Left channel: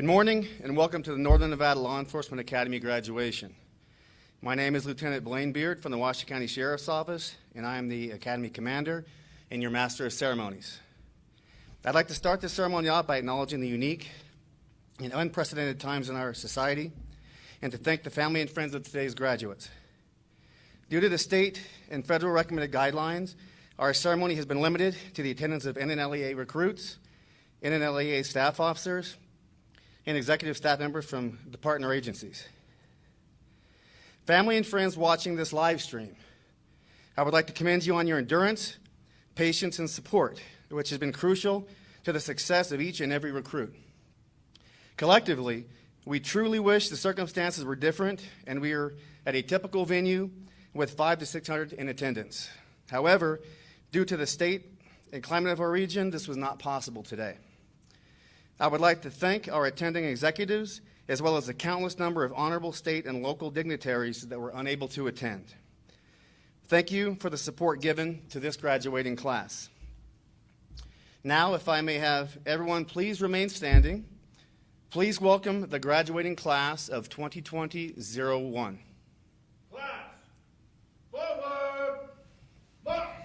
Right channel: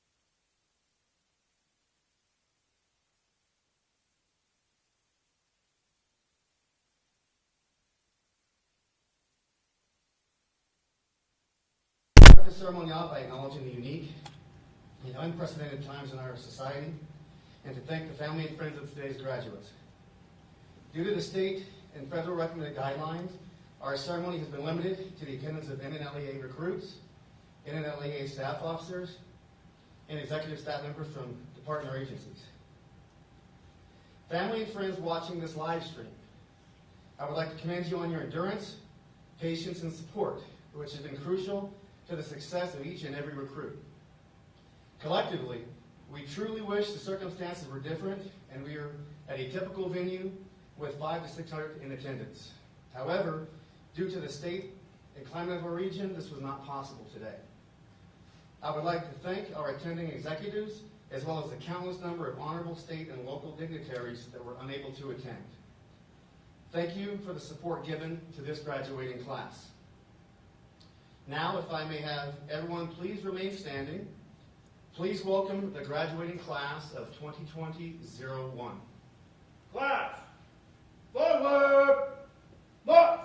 Good morning and welcome to the Northern Nevada Law Enforcement Academy graduation. My name is Lieutenant Blaine Beard from the Washoe County Sheriff's Office, and I am the Academy Commander and your Master of Ceremonies. I'd like to start this ceremony off by acknowledging the unique and unprecedented times in our society and to thank the family and friends of today's graduates. Due to the state and federal recommended guidelines, our ceremony has been limited to the attendance of NNLEA recruits, NNLEA staff officers, and executive staff members from the partner agencies. Family and friends watching this live stream, I would like to commend you on your endurance, patience, and support, which has been crucial to the success of each and every recruit. Collectively, we truly wish the circumstances were different and we are at a typical venue with 500 to 600 in attendance. However, due to the state and climate of our region, this was not possible today. I would like to thank our attending executives as well as the countless number of honorable state and local dignitaries that were unable to attend. Thank you for the support given to this graduating class. Now, if I may have everyone please remain standing. Please welcome the graduating class of 2020-01. Class, forward, march!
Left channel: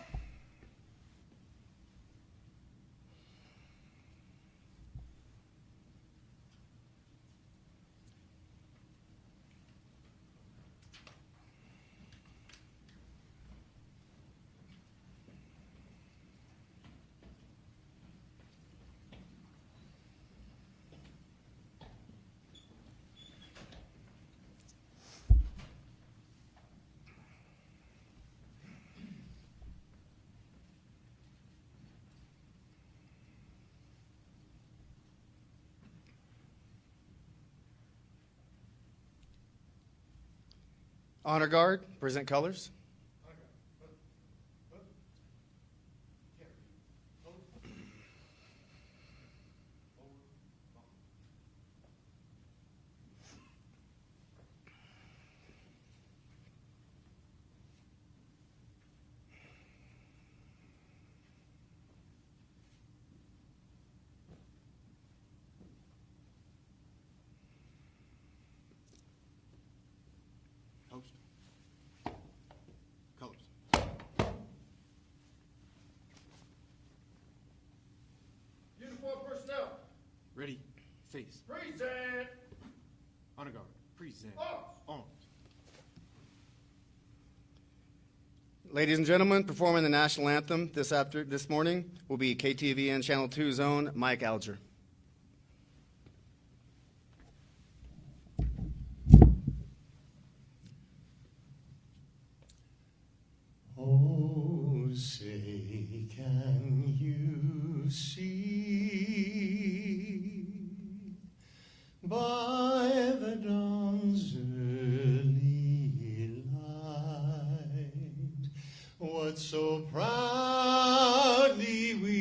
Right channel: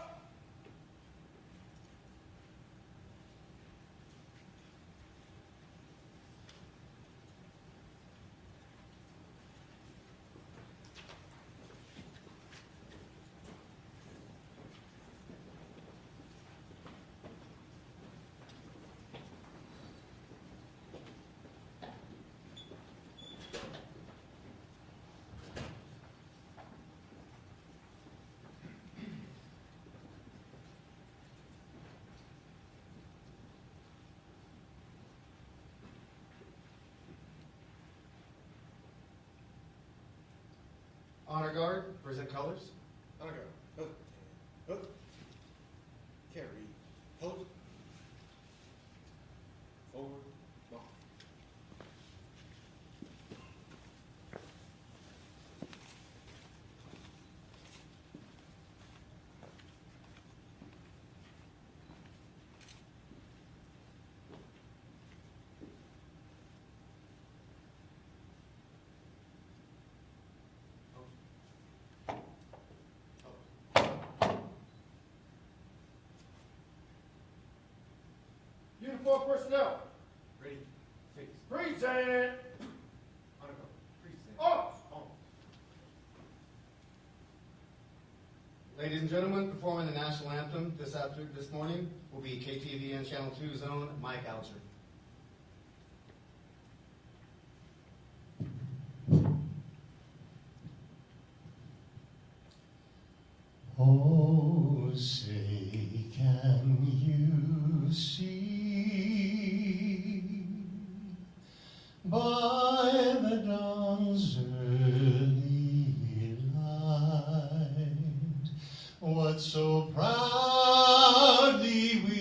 Honor Guard, present colors. Honor guard. Hook. Carry. Hold. Forward. March. Uniform personnel. Ready, face. Present. Honor guard, present. Arms. On. Ladies and gentlemen, performing the National Anthem this morning will be KTVN Channel 2's own Mike Alger. Oh, say, can you see by the dawn's early light what so proudly we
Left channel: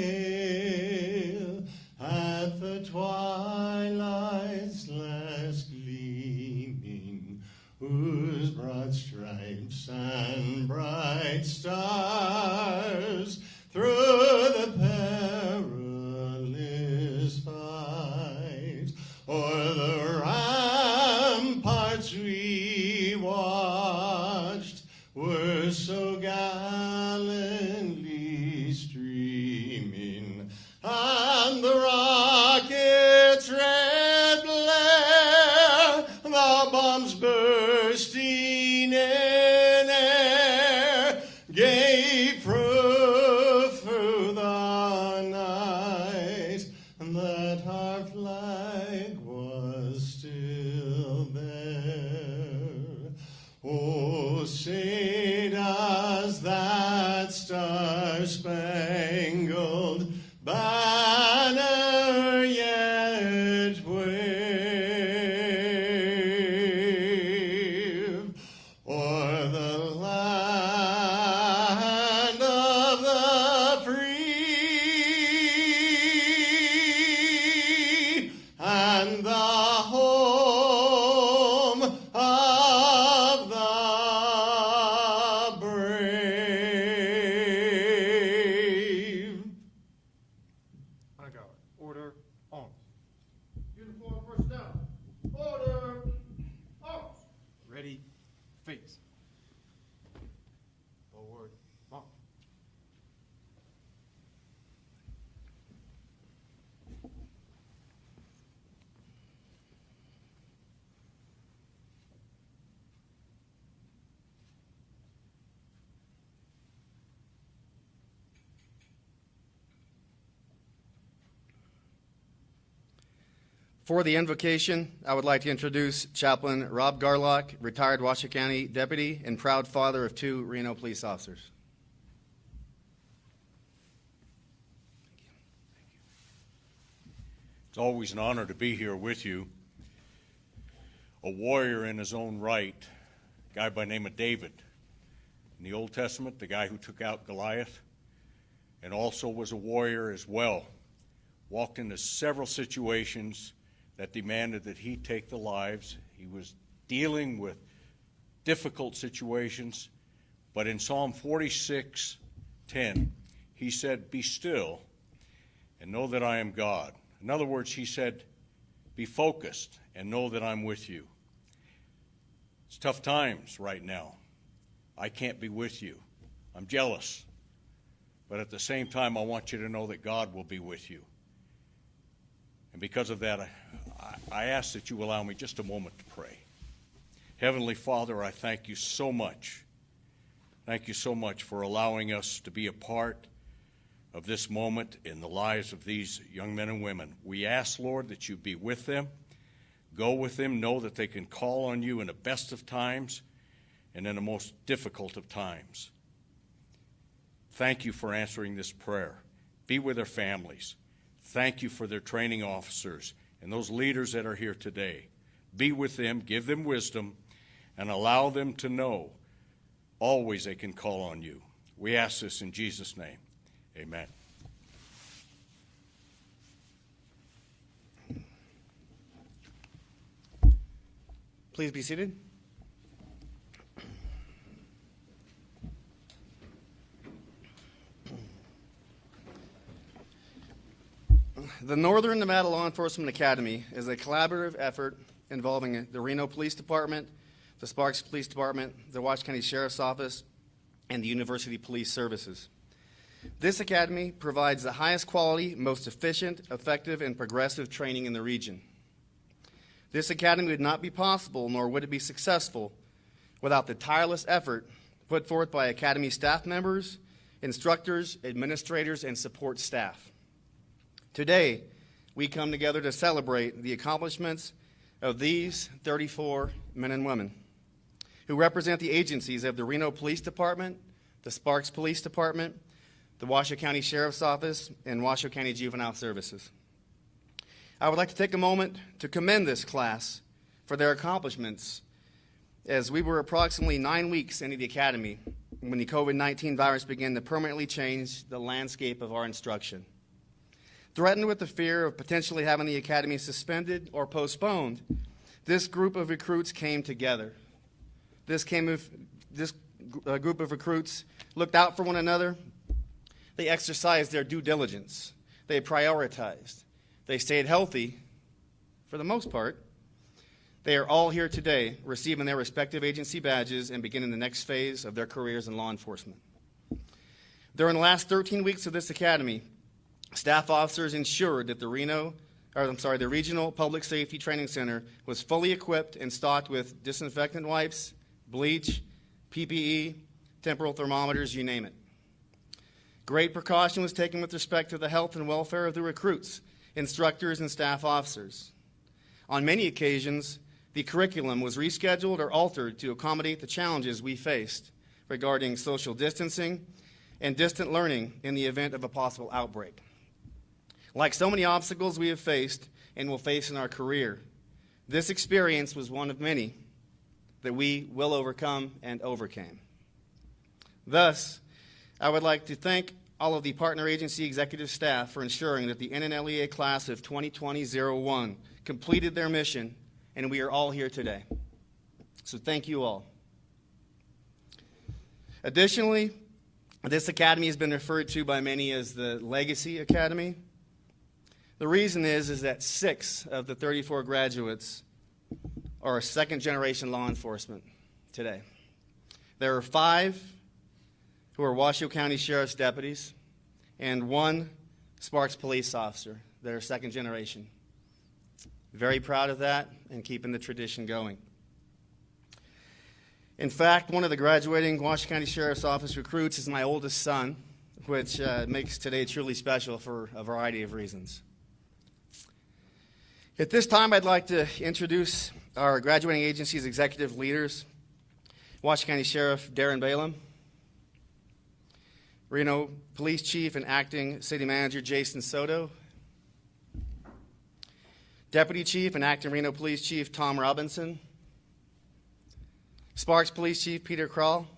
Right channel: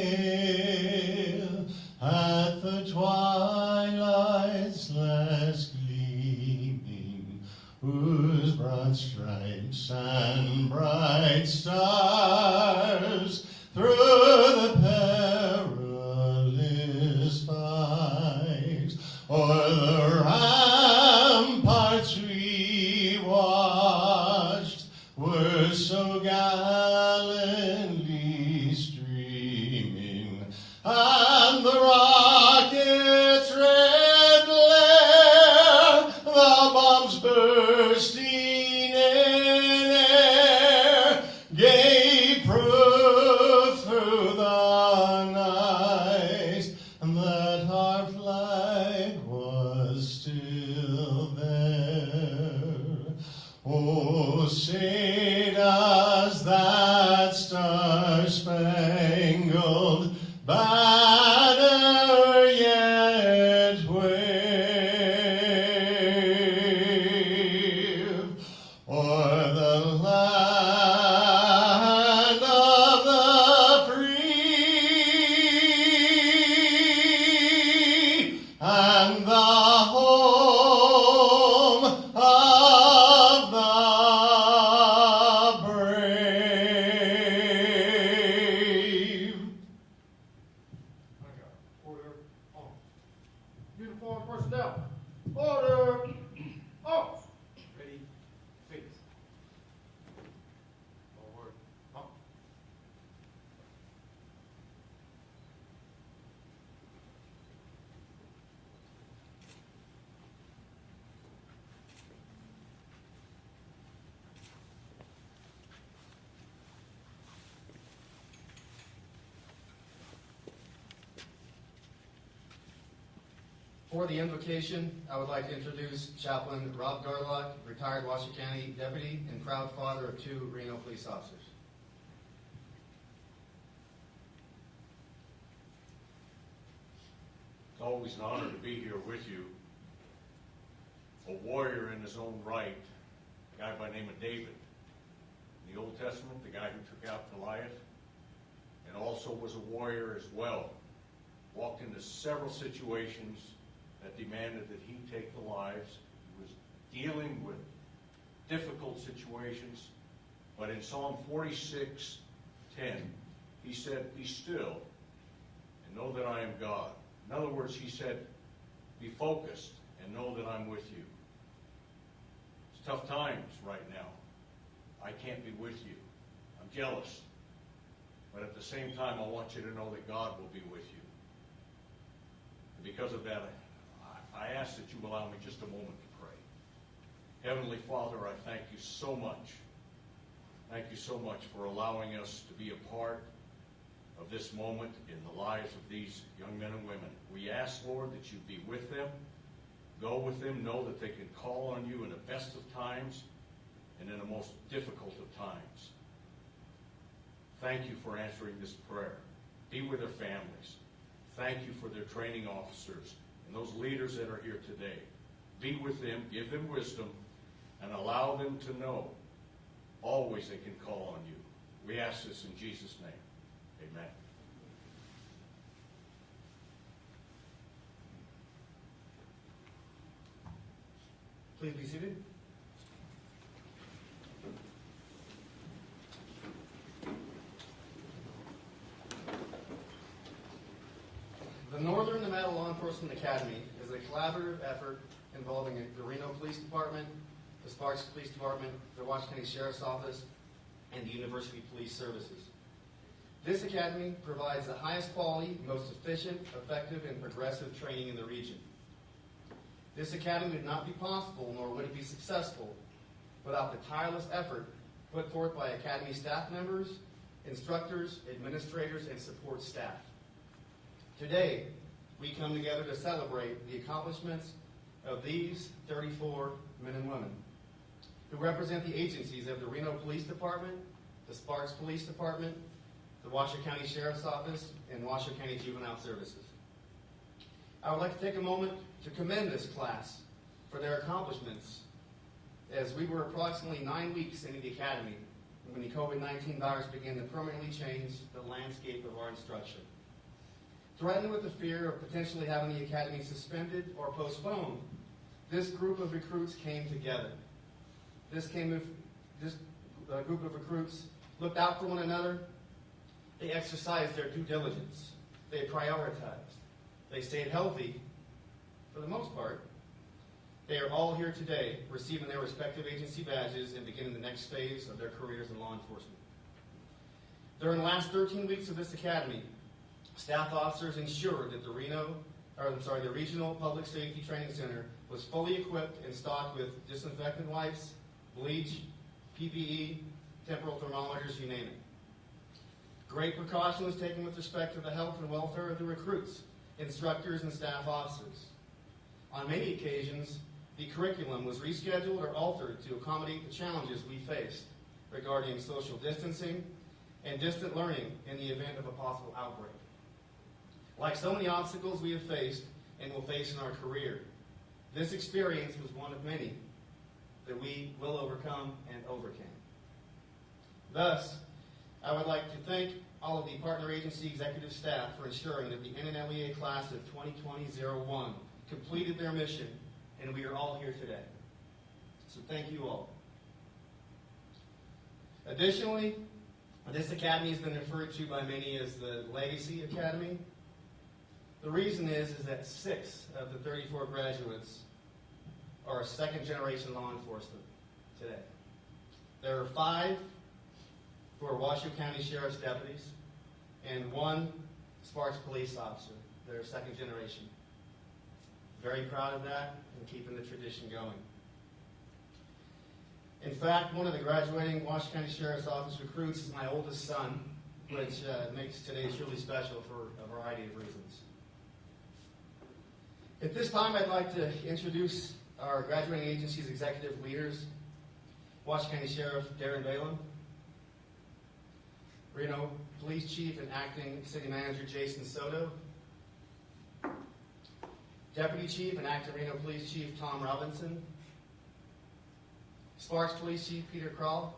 hail at the twilight's last gleaming, whose broad stripes and bright stars through the perilous fight o'er the ramparts we watched were so gallantly streaming, and the rockets' red glare, the bombs bursting in air, gave proof through the night that our flag was still there. Oh, say does that star-spangled banner yet wave o'er the land of the free and the home of the brave? For the invocation, I would like to introduce Chaplain Rob Garlock, retired Washoe County deputy and proud father of 2 Reno police officers. It's always an honor to be here with you. A warrior in his own right, a guy by the name of David. In the Old Testament, the guy who took out Goliath, and also was a warrior as well. Walked into several situations that demanded that he take the lives. He was dealing with difficult situations, but in Psalm 46:10, he said, "Be still and know that I am God." In other words, he said, be focused and know that I'm with you. It's tough times right now. I can't be with you. I'm jealous. But at the same time, I want you to know that God will be with you. And because of that, I ask that you allow me just a moment to pray. Heavenly Father, I thank you so much. Thank you so much for allowing us to be a part of this moment in the lives of these young men and women. We ask, Lord, that you be with them. Go with them. Know that they can call on you in the best of times and in the most difficult of times. Thank you for answering this prayer. Be with their families. Thank you for their training officers and those leaders that are here today. Be with them, give them wisdom, and allow them to know always they can call on you. We ask this in Jesus' name. Amen. Please be seated. The Northern Nevada Law Enforcement Academy is a collaborative effort involving the Reno Police Department, the Sparks Police Department, the Washoe County Sheriff's Office, and the University Police Services. This academy provides the highest quality, most efficient, effective, and progressive training in the region. This academy would not be possible, nor would it be successful, without the tireless effort put forth by academy staff members, instructors, administrators, and support staff. Today, we come together to celebrate the accomplishments of these 34 men and women who represent the agencies of the Reno Police Department, the Sparks Police Department, the Washoe County Sheriff's Office, and Washoe County Juvenile Services. I would like to take a moment to commend this class for their accomplishments, as we were approximately 9 weeks into the academy when the COVID-19 virus began to permanently change the landscape of our instruction. Threatened with the fear of potentially having the academy suspended or postponed, this group of recruits came together. This group of recruits looked out for one another. They exercised their due diligence. They prioritized. They stayed healthy, for the most part. They are all here today, receiving their respective agency badges and beginning the next phase of their careers in law enforcement. During the last 13 weeks of this academy, staff officers ensured that the Regional Public Safety Training Center was fully equipped and stocked with disinfectant wipes, bleach, PPE, temporal thermometers, you name it. Great precaution was taken with respect to the health and welfare of the recruits, instructors, and staff officers. On many occasions, the curriculum was rescheduled or altered to accommodate the challenges we faced regarding social distancing and distant learning in the event of a possible outbreak. Like so many obstacles we have faced and will face in our career, this experience was one of many that we will overcome and overcame. Thus, I would like to thank all of the partner agency executive staff for ensuring that the NNLEA class of 2020-01 completed their mission, and we are all here today. So thank you all. Additionally, this academy has been referred to by many as the Legacy Academy. The reason is that 6 of the 34 graduates are second-generation law enforcement today. There are 5 who are Washoe County Sheriff's deputies and 1 Sparks police officer that are second generation. Very proud of that and keeping the tradition going. In fact, one of the graduating Washoe County Sheriff's Office recruits is my oldest son, which makes today truly special for a variety of reasons. At this time, I'd like to introduce our graduating agency's executive leaders. Washoe County Sheriff Darren Balin, Reno Police Chief and Acting City Manager Jason Soto, Deputy Chief and Acting Reno Police Chief Tom Robinson, Sparks Police Chief Peter Kroll,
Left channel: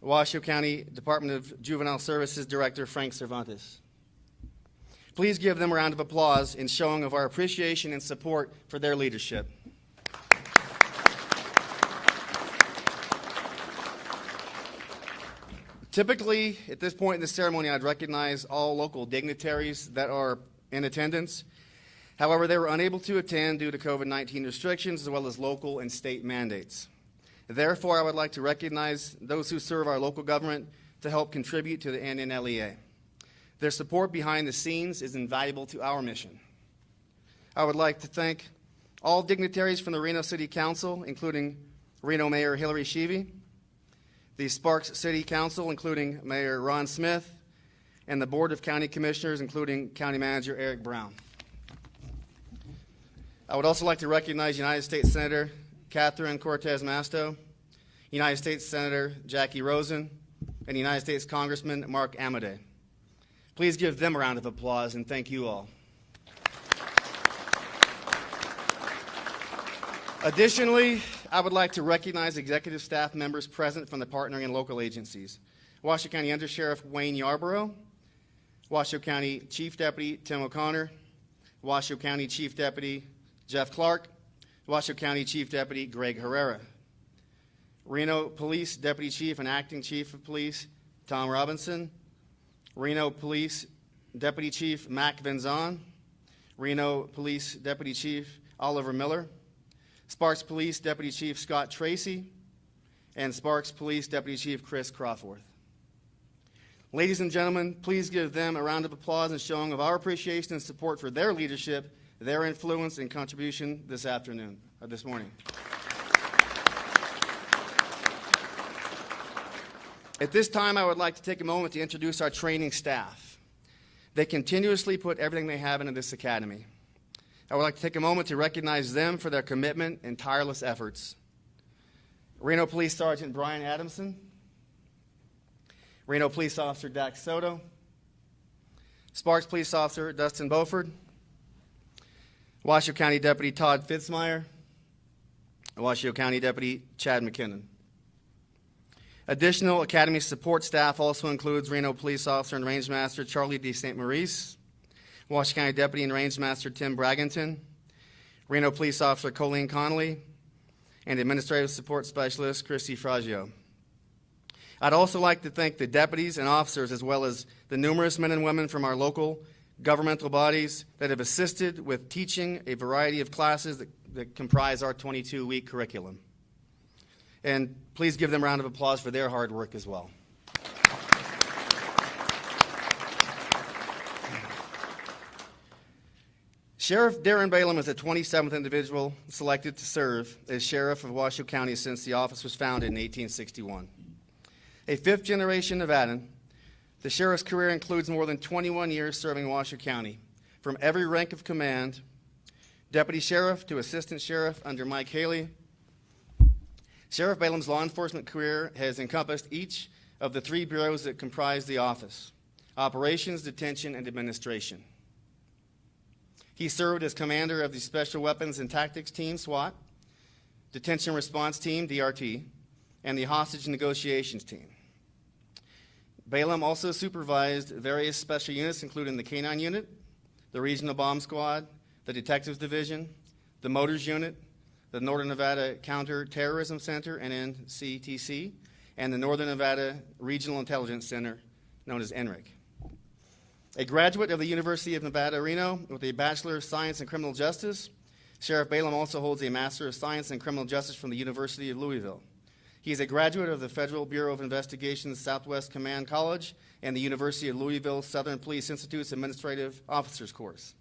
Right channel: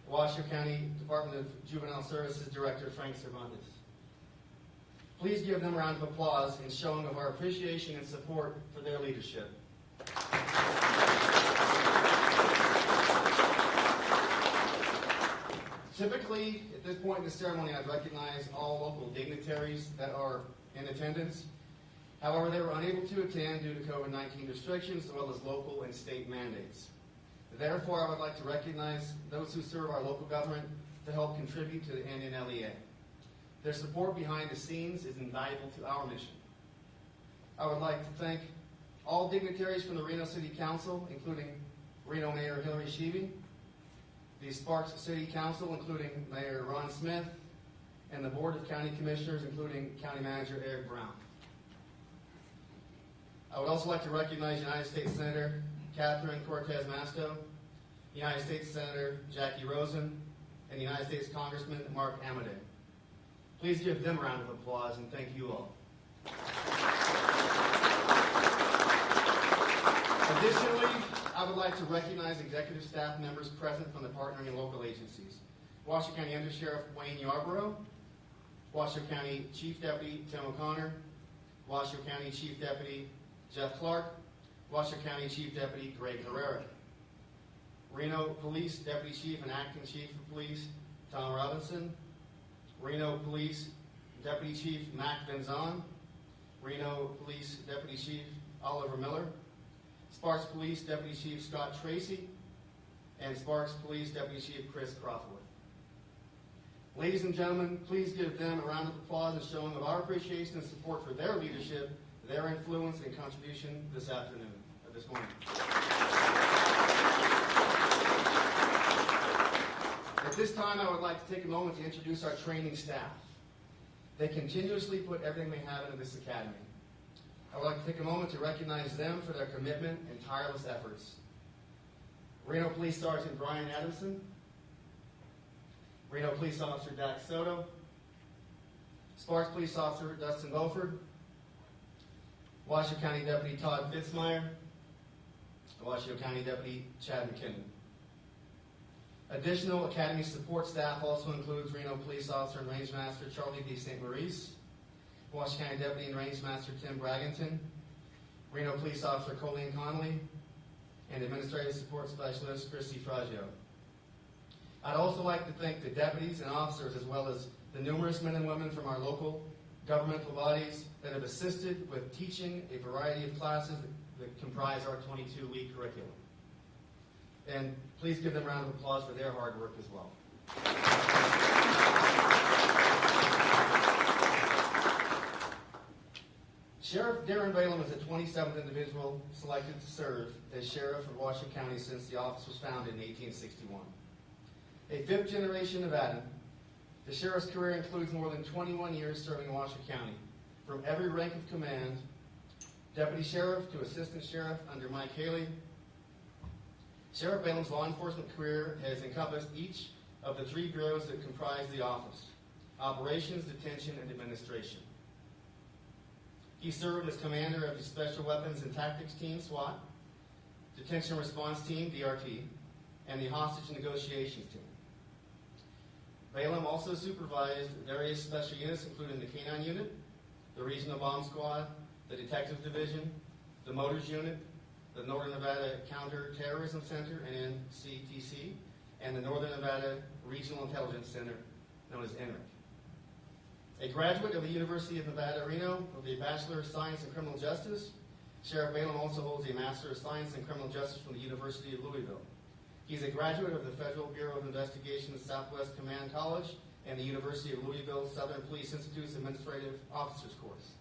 Washoe County Department of Juvenile Services Director Frank Cervantes. Please give them a round of applause in showing of our appreciation and support for their leadership. Typically, at this point in the ceremony, I'd recognize all local dignitaries that are in attendance. However, they were unable to attend due to COVID-19 restrictions as well as local and state mandates. Therefore, I would like to recognize those who serve our local government to help contribute to the NNLEA. Their support behind the scenes is invaluable to our mission. I would like to thank all dignitaries from the Reno City Council, including Reno Mayor Hillary Sheevy, the Sparks City Council, including Mayor Ron Smith, and the Board of County Commissioners, including County Manager Eric Brown. I would also like to recognize United States Senator Catherine Cortez Masto, United States Senator Jackie Rosen, and United States Congressman Mark Amodei. Please give them a round of applause and thank you all. Additionally, I would like to recognize executive staff members present from the partnering and local agencies. Washoe County Undersheriff Wayne Yarborough, Washoe County Chief Deputy Tim O'Connor, Washoe County Chief Deputy Jeff Clark, Washoe County Chief Deputy Greg Herrera, Reno Police Deputy Chief and Acting Chief of Police Tom Robinson, Reno Police Deputy Chief Mac Venzon, Reno Police Deputy Chief Oliver Miller, Sparks Police Deputy Chief Scott Tracy, and Sparks Police Deputy Chief Chris Crawforth. Ladies and gentlemen, please give them a round of applause and showing of our appreciation and support for their leadership, their influence and contribution this morning. At this time, I would like to take a moment to introduce our training staff. They continuously put everything they have into this academy. I would like to take a moment to recognize them for their commitment and tireless efforts. Reno Police Sergeant Brian Adamson, Reno Police Officer Dax Soto, Sparks Police Officer Dustin Beauford, Washoe County Deputy Todd Fitzmeyer, and Washoe County Deputy Chad McKinnon. Additional Academy support staff also includes Reno Police Officer and Range Master Charlie D. St. Maurice, Washoe County Deputy and Range Master Tim Bragginton, Reno Police Officer Colleen Connolly, and Administrative Support Specialist Christy Fraggio. I'd also like to thank the deputies and officers as well as the numerous men and women from our local governmental bodies that have assisted with teaching a variety of classes that comprise our 22-week curriculum. And please give them a round of applause for their hard work as well. Sheriff Darren Balin is the 27th individual selected to serve as Sheriff of Washoe County since the office was founded in 1861. A fifth-generation Nevadan, the Sheriff's career includes more than 21 years serving Washoe County, from every rank of command, Deputy Sheriff to Assistant Sheriff under Mike Haley. Sheriff Balin's law enforcement career has encompassed each of the 3 bureaus that comprise the office: Operations, Detention, and Administration. He served as commander of the Special Weapons and Tactics Team, SWAT, Detention Response Team, DRT, and the Hostage Negotiations Team. Balin also supervised various special units, including the K-9 Unit, the Regional Bomb Squad, the Detectives Division, the Motors Unit, the Northern Nevada Counterterrorism Center, NNCTC, and the Northern Nevada Regional Intelligence Center, known as NRIC. A graduate of the University of Nevada, Reno, with a Bachelor of Science in Criminal Justice, Sheriff Balin also holds a Master of Science in Criminal Justice from the University of Louisville. He is a graduate of the Federal Bureau of Investigation's Southwest Command College and the University of Louisville Southern Police Institute's Administrative Officers Course.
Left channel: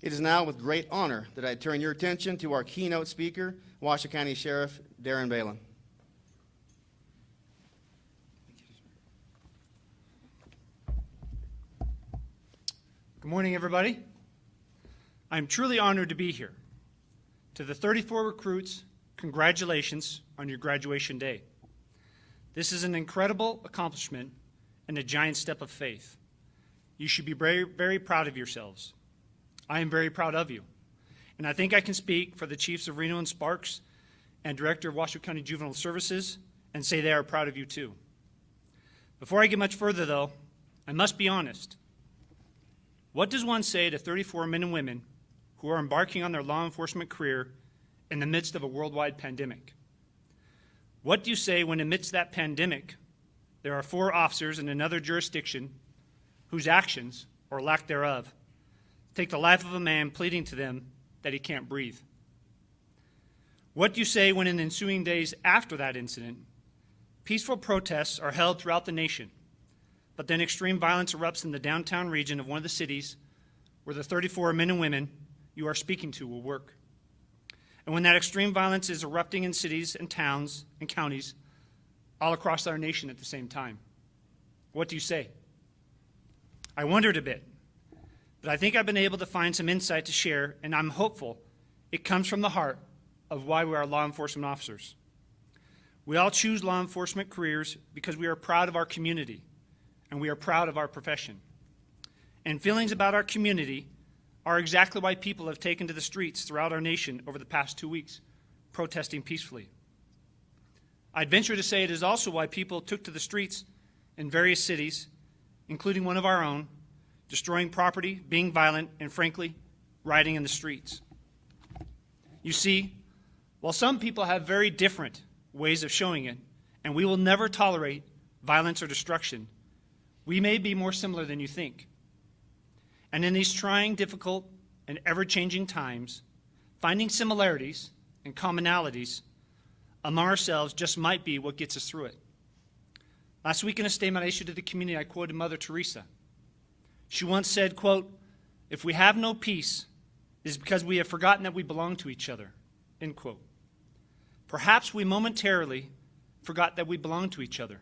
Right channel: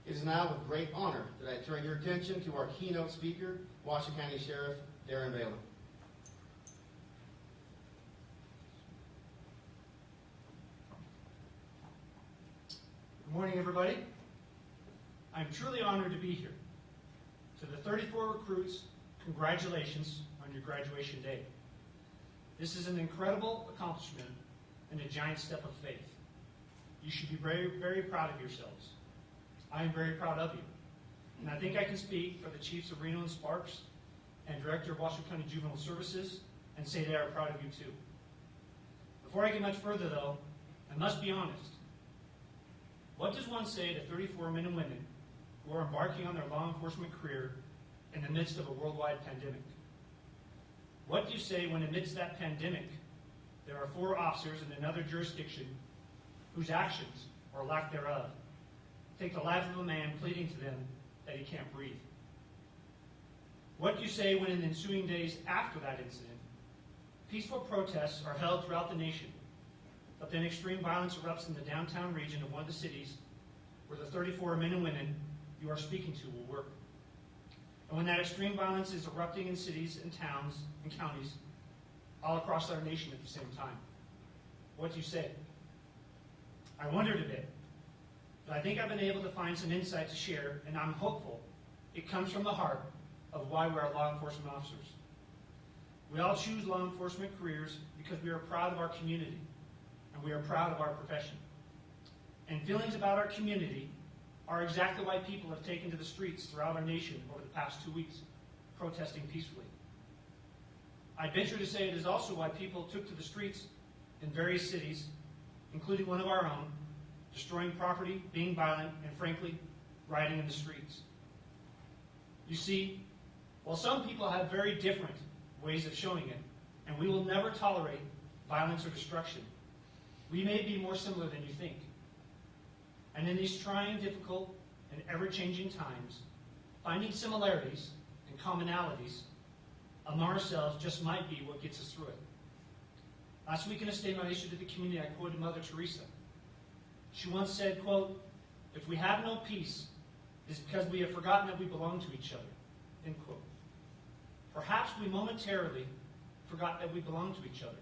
It is now with great honor that I turn your attention to our keynote speaker, Washoe County Sheriff Darren Balin. Good morning, everybody. I'm truly honored to be here. To the 34 recruits, congratulations on your graduation day. This is an incredible accomplishment and a giant step of faith. You should be very, very proud of yourselves. I am very proud of you. And I think I can speak for the Chiefs of Reno and Sparks and Director of Washoe County Juvenile Services and say they are proud of you too. Before I get much further though, I must be honest. What does one say to 34 men and women who are embarking on their law enforcement career in the midst of a worldwide pandemic? What do you say when amidst that pandemic, there are 4 officers in another jurisdiction whose actions, or lack thereof, take the life of a man pleading to them that he can't breathe? What do you say when in the ensuing days after that incident, peaceful protests are held throughout the nation, but then extreme violence erupts in the downtown region of one of the cities where the 34 men and women you are speaking to will work? And when that extreme violence is erupting in cities and towns and counties all across our nation at the same time, what do you say? I wondered a bit, but I think I've been able to find some insight to share, and I'm hopeful it comes from the heart of why we are law enforcement officers. We all choose law enforcement careers because we are proud of our community, and we are proud of our profession. And feelings about our community are exactly why people have taken to the streets throughout our nation over the past 2 weeks, protesting peacefully. I'd venture to say it is also why people took to the streets in various cities, including one of our own, destroying property, being violent, and frankly, rioting in the streets. You see, while some people have very different ways of showing it, and we will never tolerate violence or destruction, we may be more similar than you think. And in these trying, difficult, and ever-changing times, finding similarities and commonalities among ourselves just might be what gets us through it. Last week in a statement I issued to the community, I quoted Mother Teresa. She once said, quote, "If we have no peace, it is because we have forgotten that we belong to each other," end quote. Perhaps we momentarily forgot that we belong to each other.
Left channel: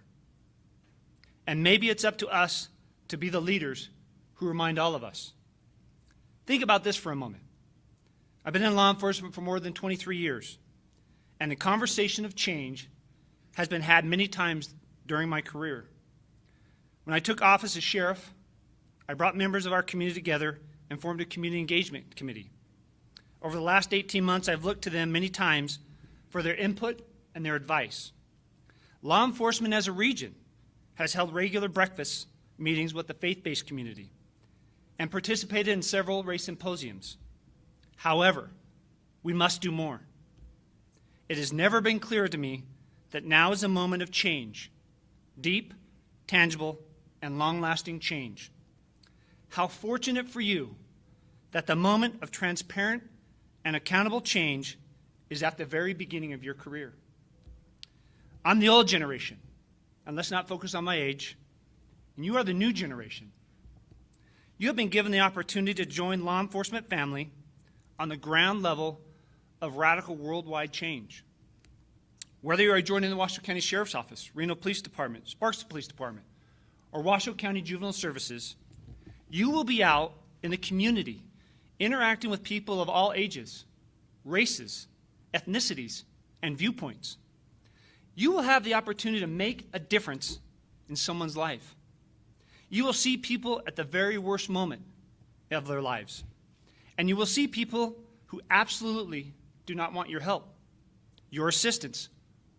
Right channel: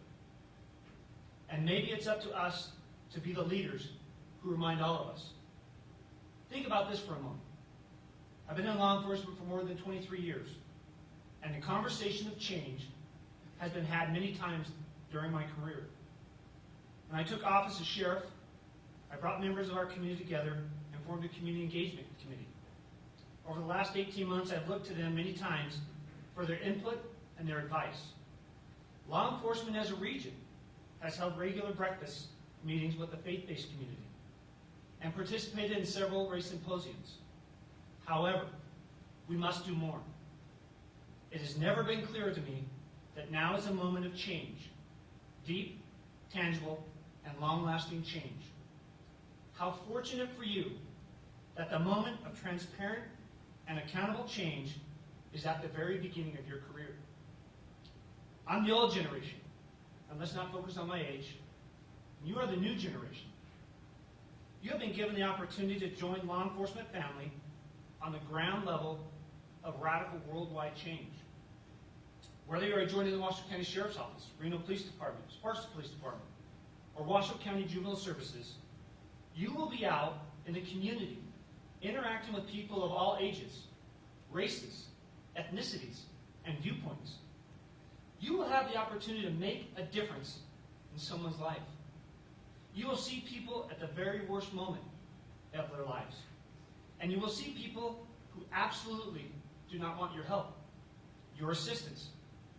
And maybe it's up to us to be the leaders who remind all of us. Think about this for a moment. I've been in law enforcement for more than 23 years, and the conversation of change has been had many times during my career. When I took office as sheriff, I brought members of our community together and formed a community engagement committee. Over the last 18 months, I've looked to them many times for their input and their advice. Law enforcement as a region has held regular breakfast meetings with the faith-based community and participated in several race symposiums. However, we must do more. It has never been clearer to me that now is a moment of change, deep, tangible, and long-lasting change. How fortunate for you that the moment of transparent and accountable change is at the very beginning of your career. I'm the old generation, and let's not focus on my age, and you are the new generation. You have been given the opportunity to join law enforcement family on the ground level of radical worldwide change. Whether you are joining the Washoe County Sheriff's Office, Reno Police Department, Sparks Police Department, or Washoe County Juvenile Services, you will be out in the community interacting with people of all ages, races, ethnicities, and viewpoints. You will have the opportunity to make a difference in someone's life. You will see people at the very worst moment of their lives. And you will see people who absolutely do not want your help, your assistance,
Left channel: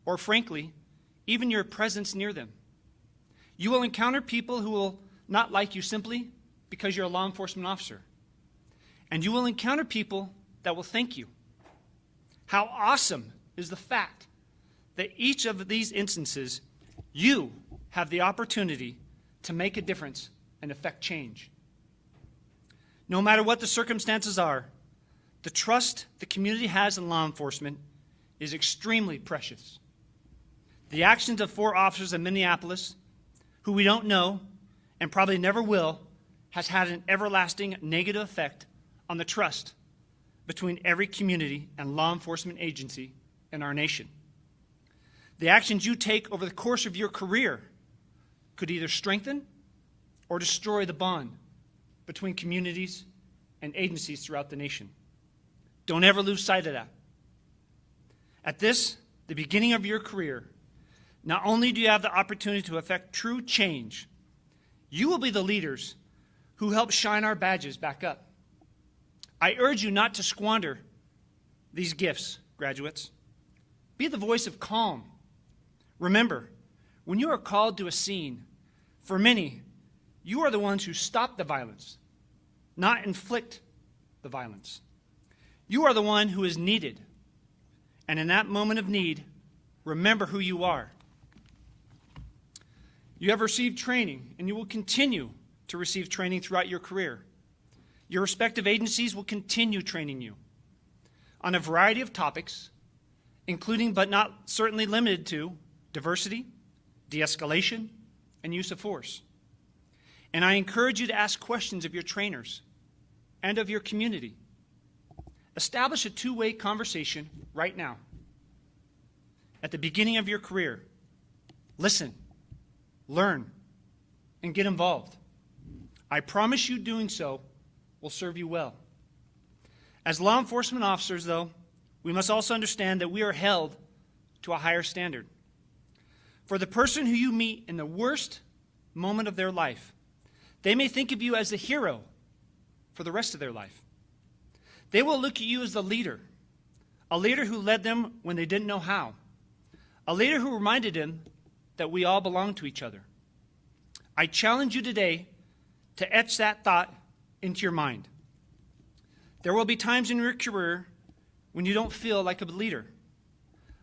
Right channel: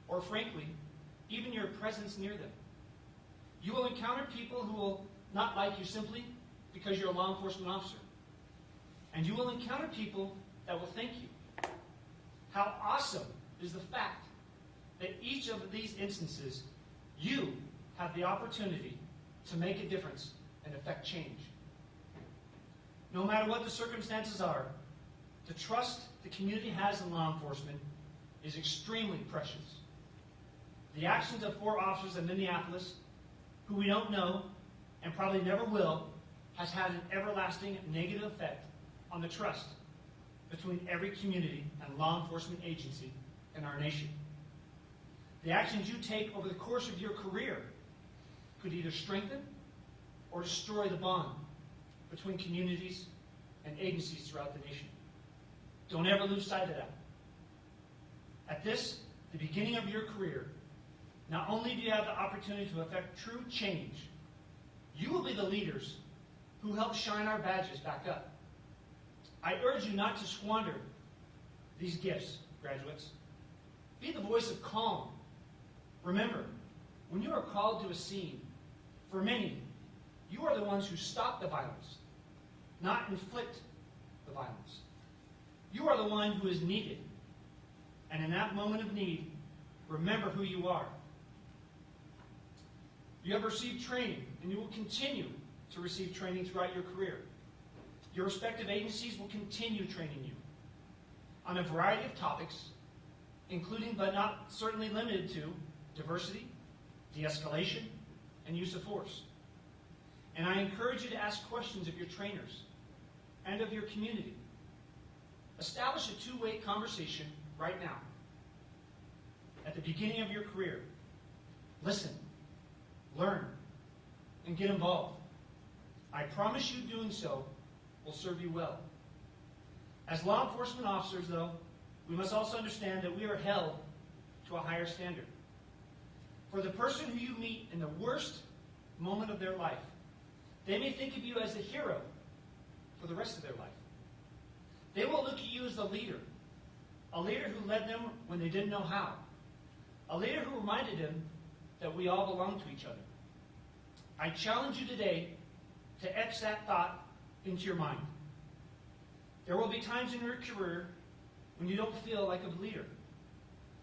or frankly, even your presence near them. You will encounter people who will not like you simply because you're a law enforcement officer. And you will encounter people that will thank you. How awesome is the fact that each of these instances, you have the opportunity to make a difference and affect change. No matter what the circumstances are, the trust the community has in law enforcement is extremely precious. The actions of 4 officers in Minneapolis, who we don't know and probably never will, has had an everlasting negative effect on the trust between every community and law enforcement agency in our nation. The actions you take over the course of your career could either strengthen or destroy the bond between communities and agencies throughout the nation. Don't ever lose sight of that. At this, the beginning of your career, not only do you have the opportunity to affect true change, you will be the leaders who help shine our badges back up. I urge you not to squander these gifts, graduates. Be the voice of calm. Remember, when you are called to a scene, for many, you are the ones who stop the violence, not inflict the violence. You are the one who is needed. And in that moment of need, remember who you are. You have received training, and you will continue to receive training throughout your career. Your respective agencies will continue training you on a variety of topics, including but not certainly limited to diversity, de-escalation, and use of force. And I encourage you to ask questions of your trainers and of your community. Establish a two-way conversation right now. At the beginning of your career, listen, learn, and get involved. I promise you doing so will serve you well. As law enforcement officers, though, we must also understand that we are held to a higher standard. For the person who you meet in the worst moment of their life, they may think of you as the hero for the rest of their life. They will look at you as the leader, a leader who led them when they didn't know how, a leader who reminded them that we all belong to each other. I challenge you today to etch that thought into your mind. There will be times in your career when you don't feel like a leader,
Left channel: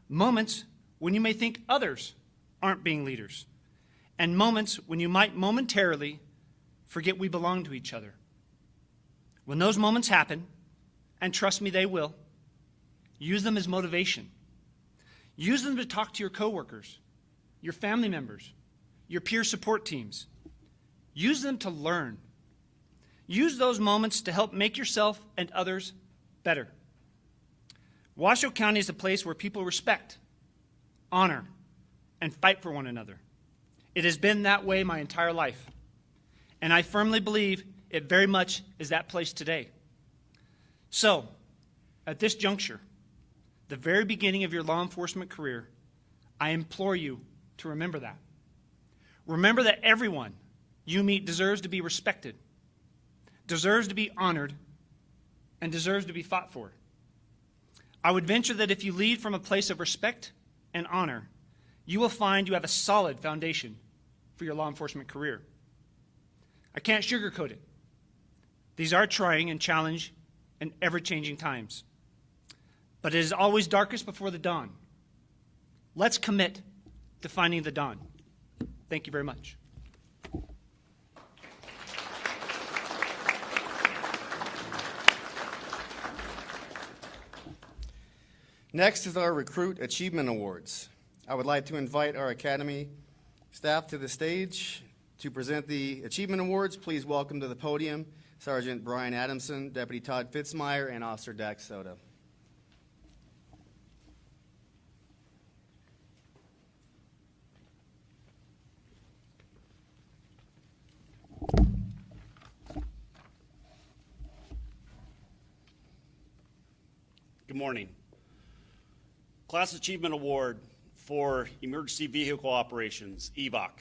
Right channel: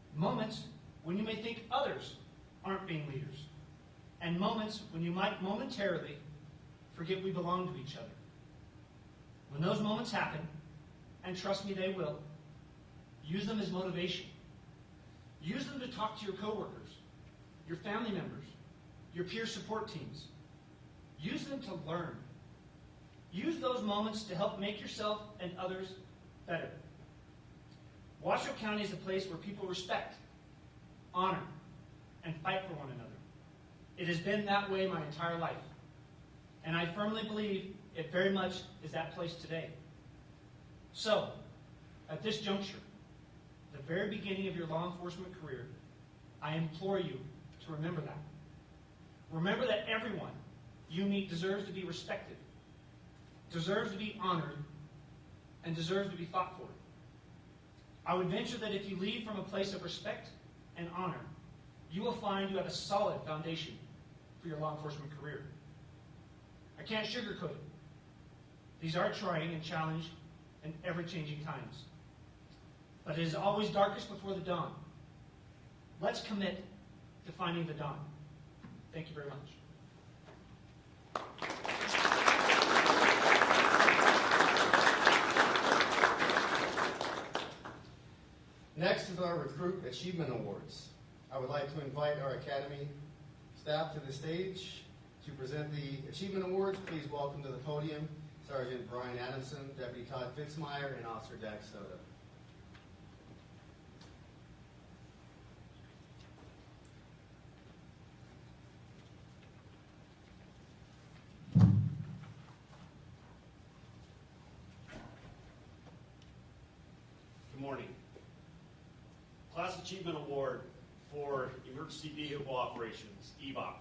moments when you may think others aren't being leaders, and moments when you might momentarily forget we belong to each other. When those moments happen, and trust me, they will, use them as motivation. Use them to talk to your coworkers, your family members, your peer support teams. Use them to learn. Use those moments to help make yourself and others better. Washoe County is a place where people respect, honor, and fight for one another. It has been that way my entire life, and I firmly believe it very much is that place today. So, at this juncture, the very beginning of your law enforcement career, I implore you to remember that. Remember that everyone you meet deserves to be respected, deserves to be honored, and deserves to be fought for. I would venture that if you lead from a place of respect and honor, you will find you have a solid foundation for your law enforcement career. I can't sugarcoat it. These are trying and challenging and ever-changing times. But it is always darkest before the dawn. Let's commit to finding the dawn. Thank you very much. Next is our Recruit Achievement Awards. I would like to invite our Academy staff to the stage to present the Achievement Awards. Please welcome to the podium Sergeant Brian Adamson, Deputy Todd Fitzmeyer, and Officer Dax Soda. Good morning. Class Achievement Award for Emergency Vehicle Operations, Evoc.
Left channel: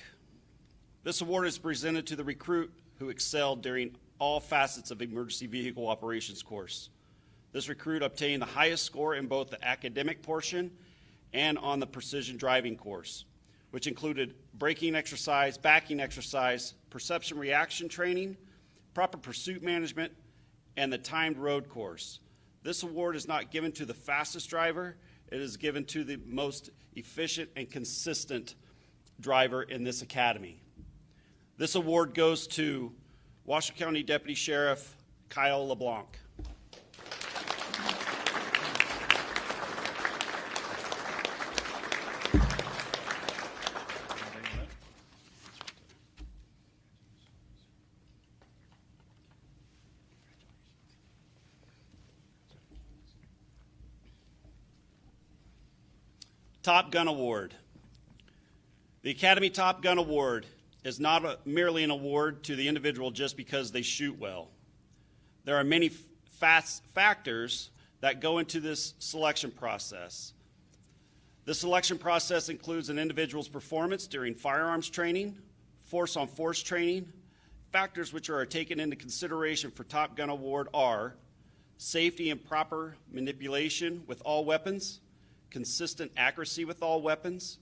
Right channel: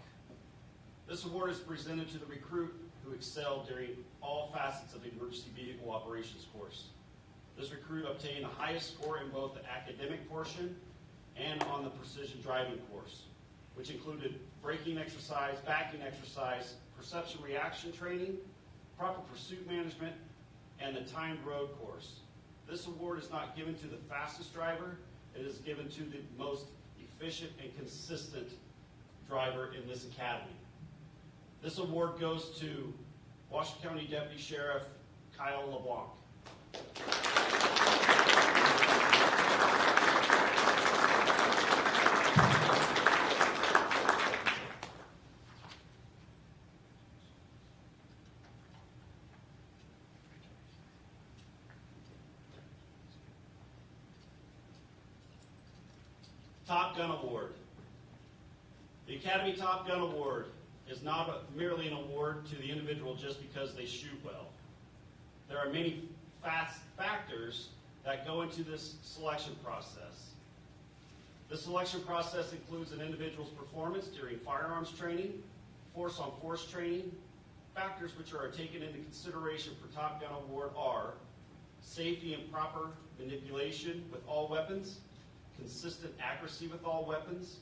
This award is presented to the recruit who excelled during all facets of Emergency Vehicle Operations course. This recruit obtained the highest score in both the academic portion and on the precision driving course, which included braking exercise, backing exercise, perception reaction training, proper pursuit management, and the timed road course. This award is not given to the fastest driver, it is given to the most efficient and consistent driver in this academy. This award goes to Washoe County Deputy Sheriff Kyle LeBlanc. Top Gun Award. The Academy Top Gun Award is not merely an award to the individual just because they shoot well. There are many factors that go into this selection process. The selection process includes an individual's performance during firearms training, force-on-force training. Factors which are taken into consideration for Top Gun Award are safety and proper manipulation with all weapons, consistent accuracy with all weapons,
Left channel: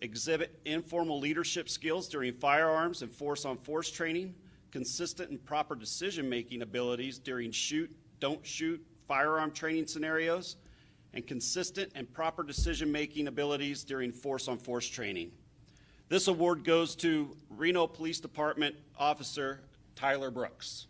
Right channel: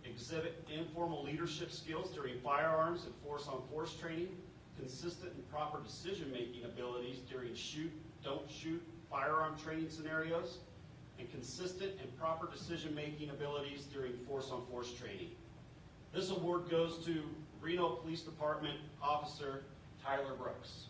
exhibit informal leadership skills during firearms and force-on-force training, consistent and proper decision-making abilities during shoot, don't shoot, firearm training scenarios, and consistent and proper decision-making abilities during force-on-force training. This award goes to Reno Police Department Officer Tyler Brooks.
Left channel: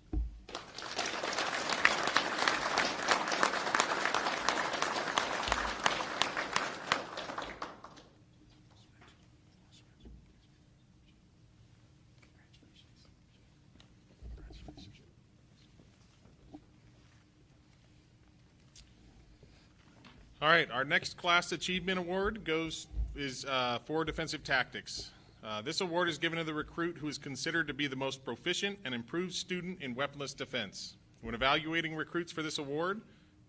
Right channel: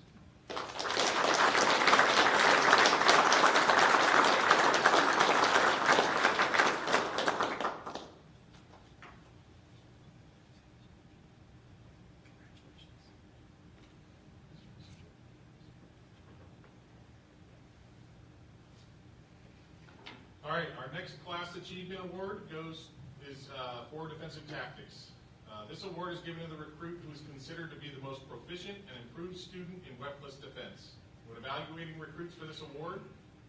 All right, our next class achievement award is for defensive tactics. This award is given to the recruit who is considered to be the most proficient and improved student in weaponless defense. When evaluating recruits for this award,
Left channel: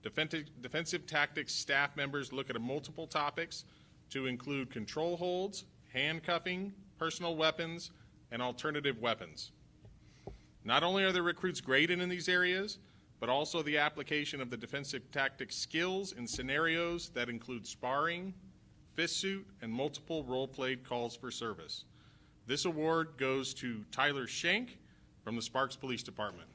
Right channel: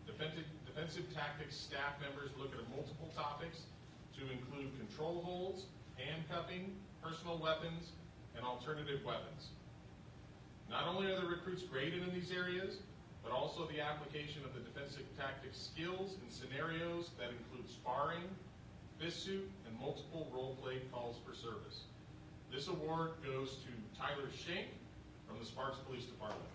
defensive tactics staff members look at multiple topics to include control holds, handcuffing, personal weapons, and alternative weapons. Not only are the recruits graded in these areas, but also the application of the defensive tactics skills in scenarios that include sparring, fist suit, and multiple role-played calls for service. This award goes to Tyler Schenk from the Sparks Police Department.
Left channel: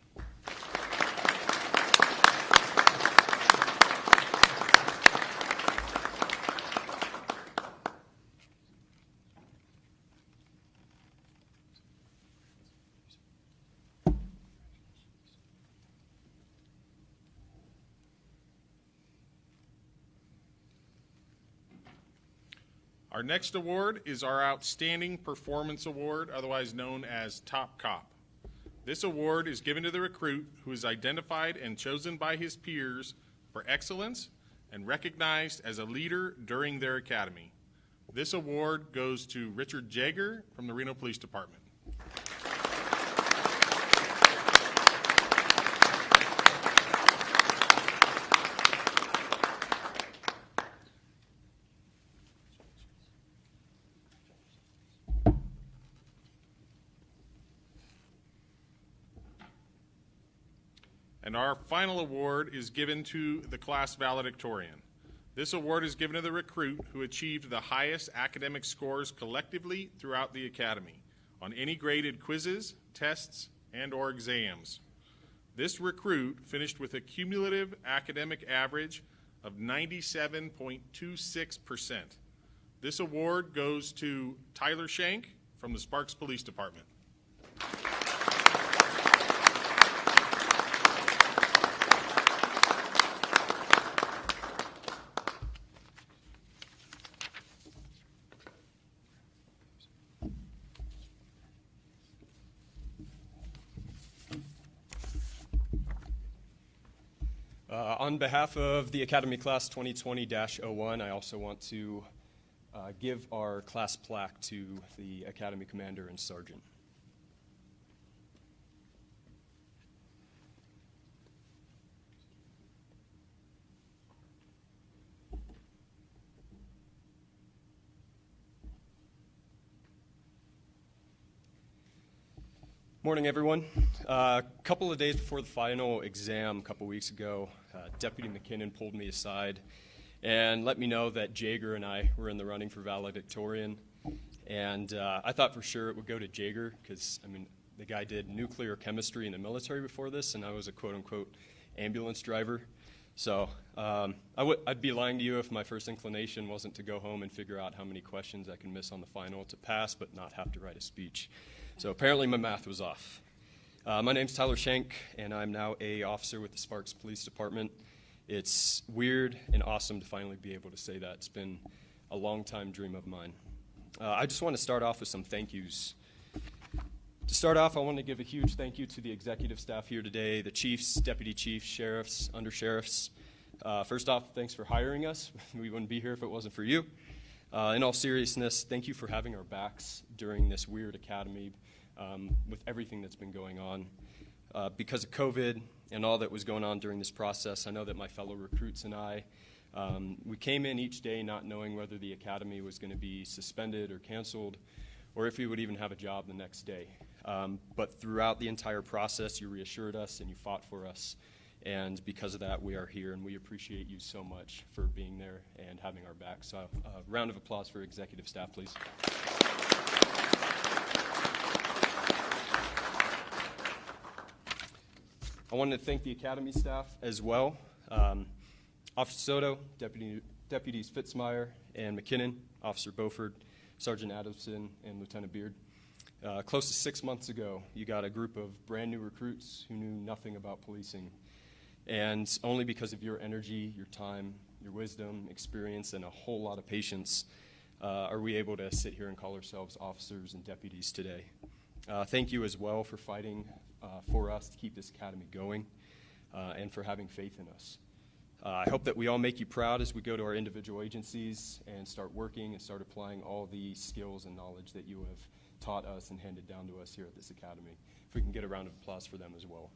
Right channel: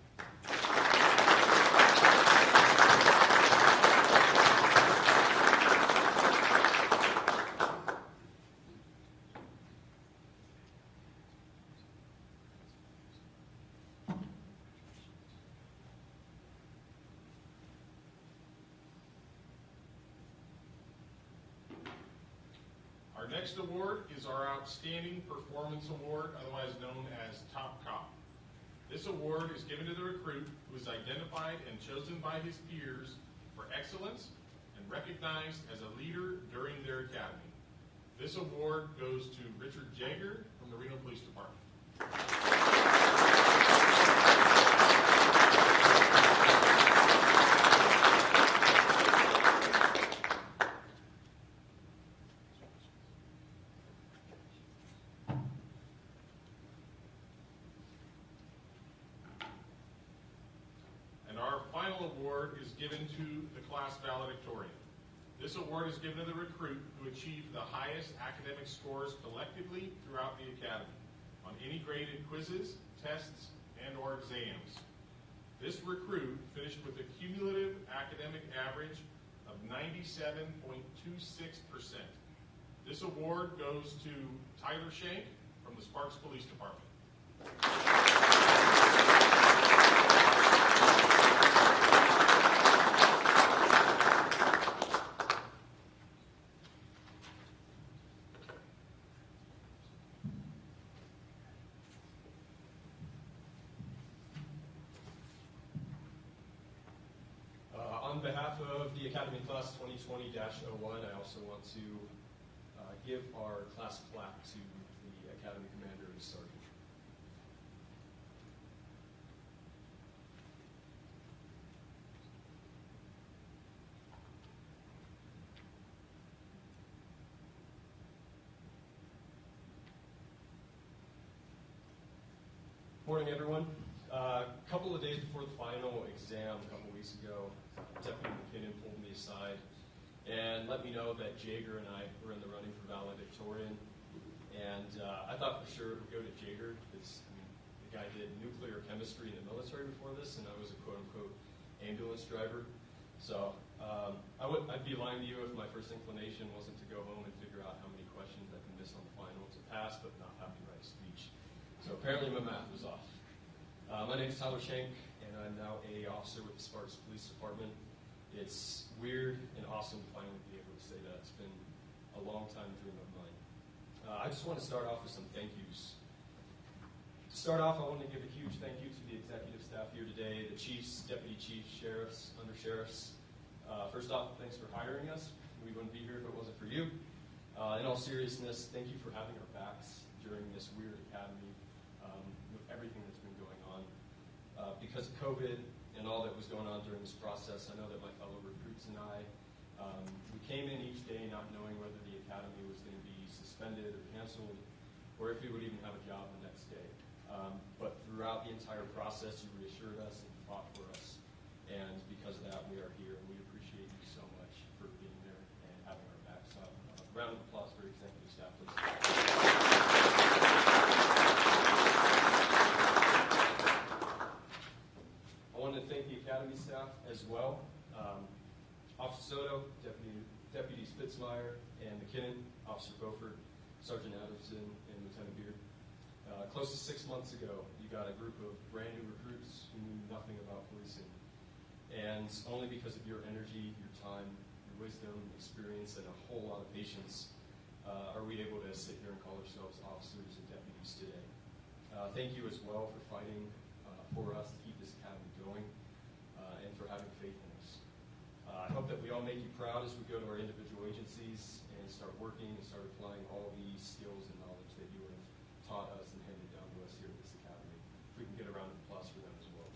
Our next award is our Outstanding Performance Award, otherwise known as Top Cop. This award is given to the recruit who is identified and chosen by his peers for excellence and recognized as a leader during their academy. This award goes to Richard Jaeger from the Reno Police Department. And our final award is given to the class valedictorian. This award is given to the recruit who achieved the highest academic scores collectively throughout the academy on any graded quizzes, tests, and/or exams. This recruit finished with a cumulative academic average of 97.26%. This award goes to Tyler Schenk from the Sparks Police Department. On behalf of the Academy Class 2020-01, I also want to give our class plaque to the Academy Commander and Sergeant. Morning, everyone. A couple of days before the final exam, a couple weeks ago, Deputy McKinnon pulled me aside and let me know that Jaeger and I were in the running for valedictorian. And I thought for sure it would go to Jaeger because, I mean, the guy did nuclear chemistry in the military before this, and I was a quote-unquote ambulance driver. So I'd be lying to you if my first inclination wasn't to go home and figure out how many questions I can miss on the final to pass but not have to write a speech. So apparently my math was off. My name's Tyler Schenk, and I'm now an officer with the Sparks Police Department. It's weird and awesome to finally be able to say that. It's been a long-time dream of mine. I just want to start off with some thank yous. To start off, I want to give a huge thank you to the executive staff here today, the chiefs, deputy chiefs, sheriffs, undersheriffs. First off, thanks for hiring us. We wouldn't be here if it wasn't for you. In all seriousness, thank you for having our backs during this weird academy with everything that's been going on. Because of COVID and all that was going on during this process, I know that my fellow recruits and I, we came in each day not knowing whether the academy was going to be suspended or canceled, or if we would even have a job the next day. But throughout the entire process, you reassured us and you fought for us. And because of that, we are here, and we appreciate you so much for being there and having our back. So a round of applause for executive staff, please. I wanted to thank the academy staff as well. Officer Soto, Deputies Fitzmeyer and McKinnon, Officer Beaufort, Sergeant Adamson, and Lieutenant Beard. Close to 6 months ago, you got a group of brand new recruits who knew nothing about policing. And only because of your energy, your time, your wisdom, experience, and a whole lot of patience are we able to sit here and call ourselves officers and deputies today. Thank you as well for fighting for us to keep this academy going and for having faith in us. I hope that we all make you proud as we go to our individual agencies and start working and start applying all the skills and knowledge that you have taught us and handed down to us here at this academy. If we can get a round of applause for them as well.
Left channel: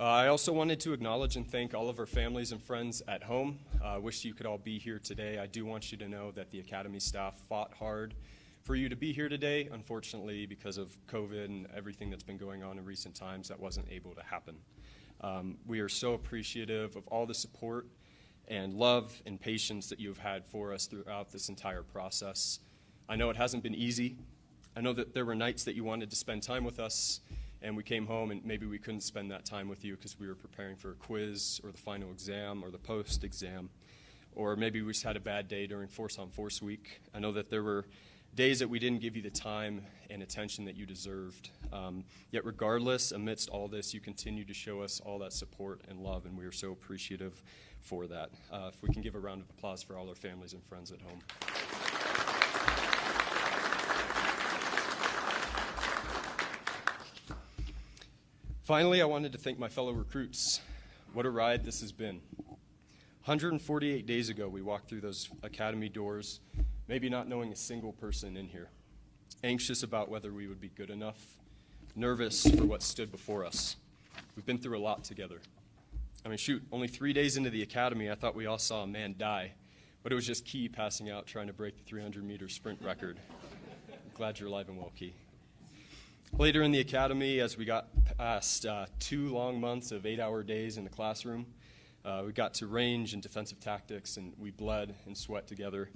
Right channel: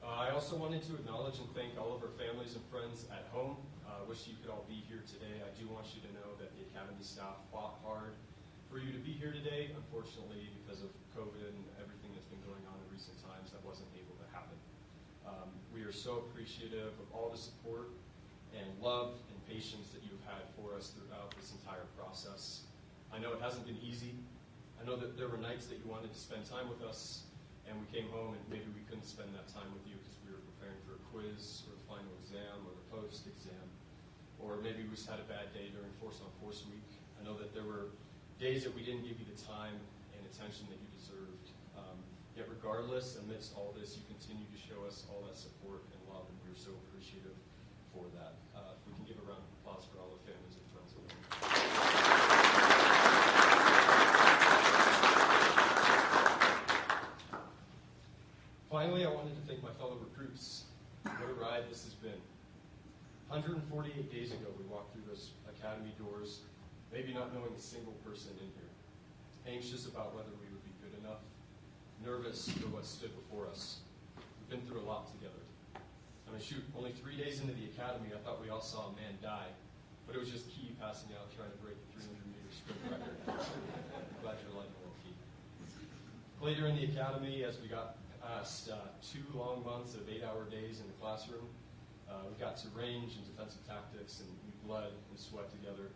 I also wanted to acknowledge and thank all of our families and friends at home. I wish you could all be here today. I do want you to know that the academy staff fought hard for you to be here today. Unfortunately, because of COVID and everything that's been going on in recent times, that wasn't able to happen. We are so appreciative of all the support and love and patience that you've had for us throughout this entire process. I know it hasn't been easy. I know that there were nights that you wanted to spend time with us, and we came home and maybe we couldn't spend that time with you because we were preparing for a quiz or the final exam or the post-exam, or maybe we just had a bad day during Force on Force week. I know that there were days that we didn't give you the time and attention that you deserved. Yet regardless, amidst all this, you continue to show us all that support and love, and we are so appreciative for that. If we can give a round of applause for all our families and friends at home. Finally, I wanted to thank my fellow recruits. What a ride this has been. 148 days ago, we walked through those academy doors, maybe not knowing a single person in here, anxious about whether we would be good enough, nervous for what stood before us. We've been through a lot together. I mean, shoot, only 3 days into the academy, I thought we all saw a man die, but it was just Key passing out trying to break the 300-meter sprint record. I'm glad you're alive and well, Key. Later in the academy, as we got past 2 long months of 8-hour days in the classroom, we got to range and defensive tactics, and we bled and sweat together,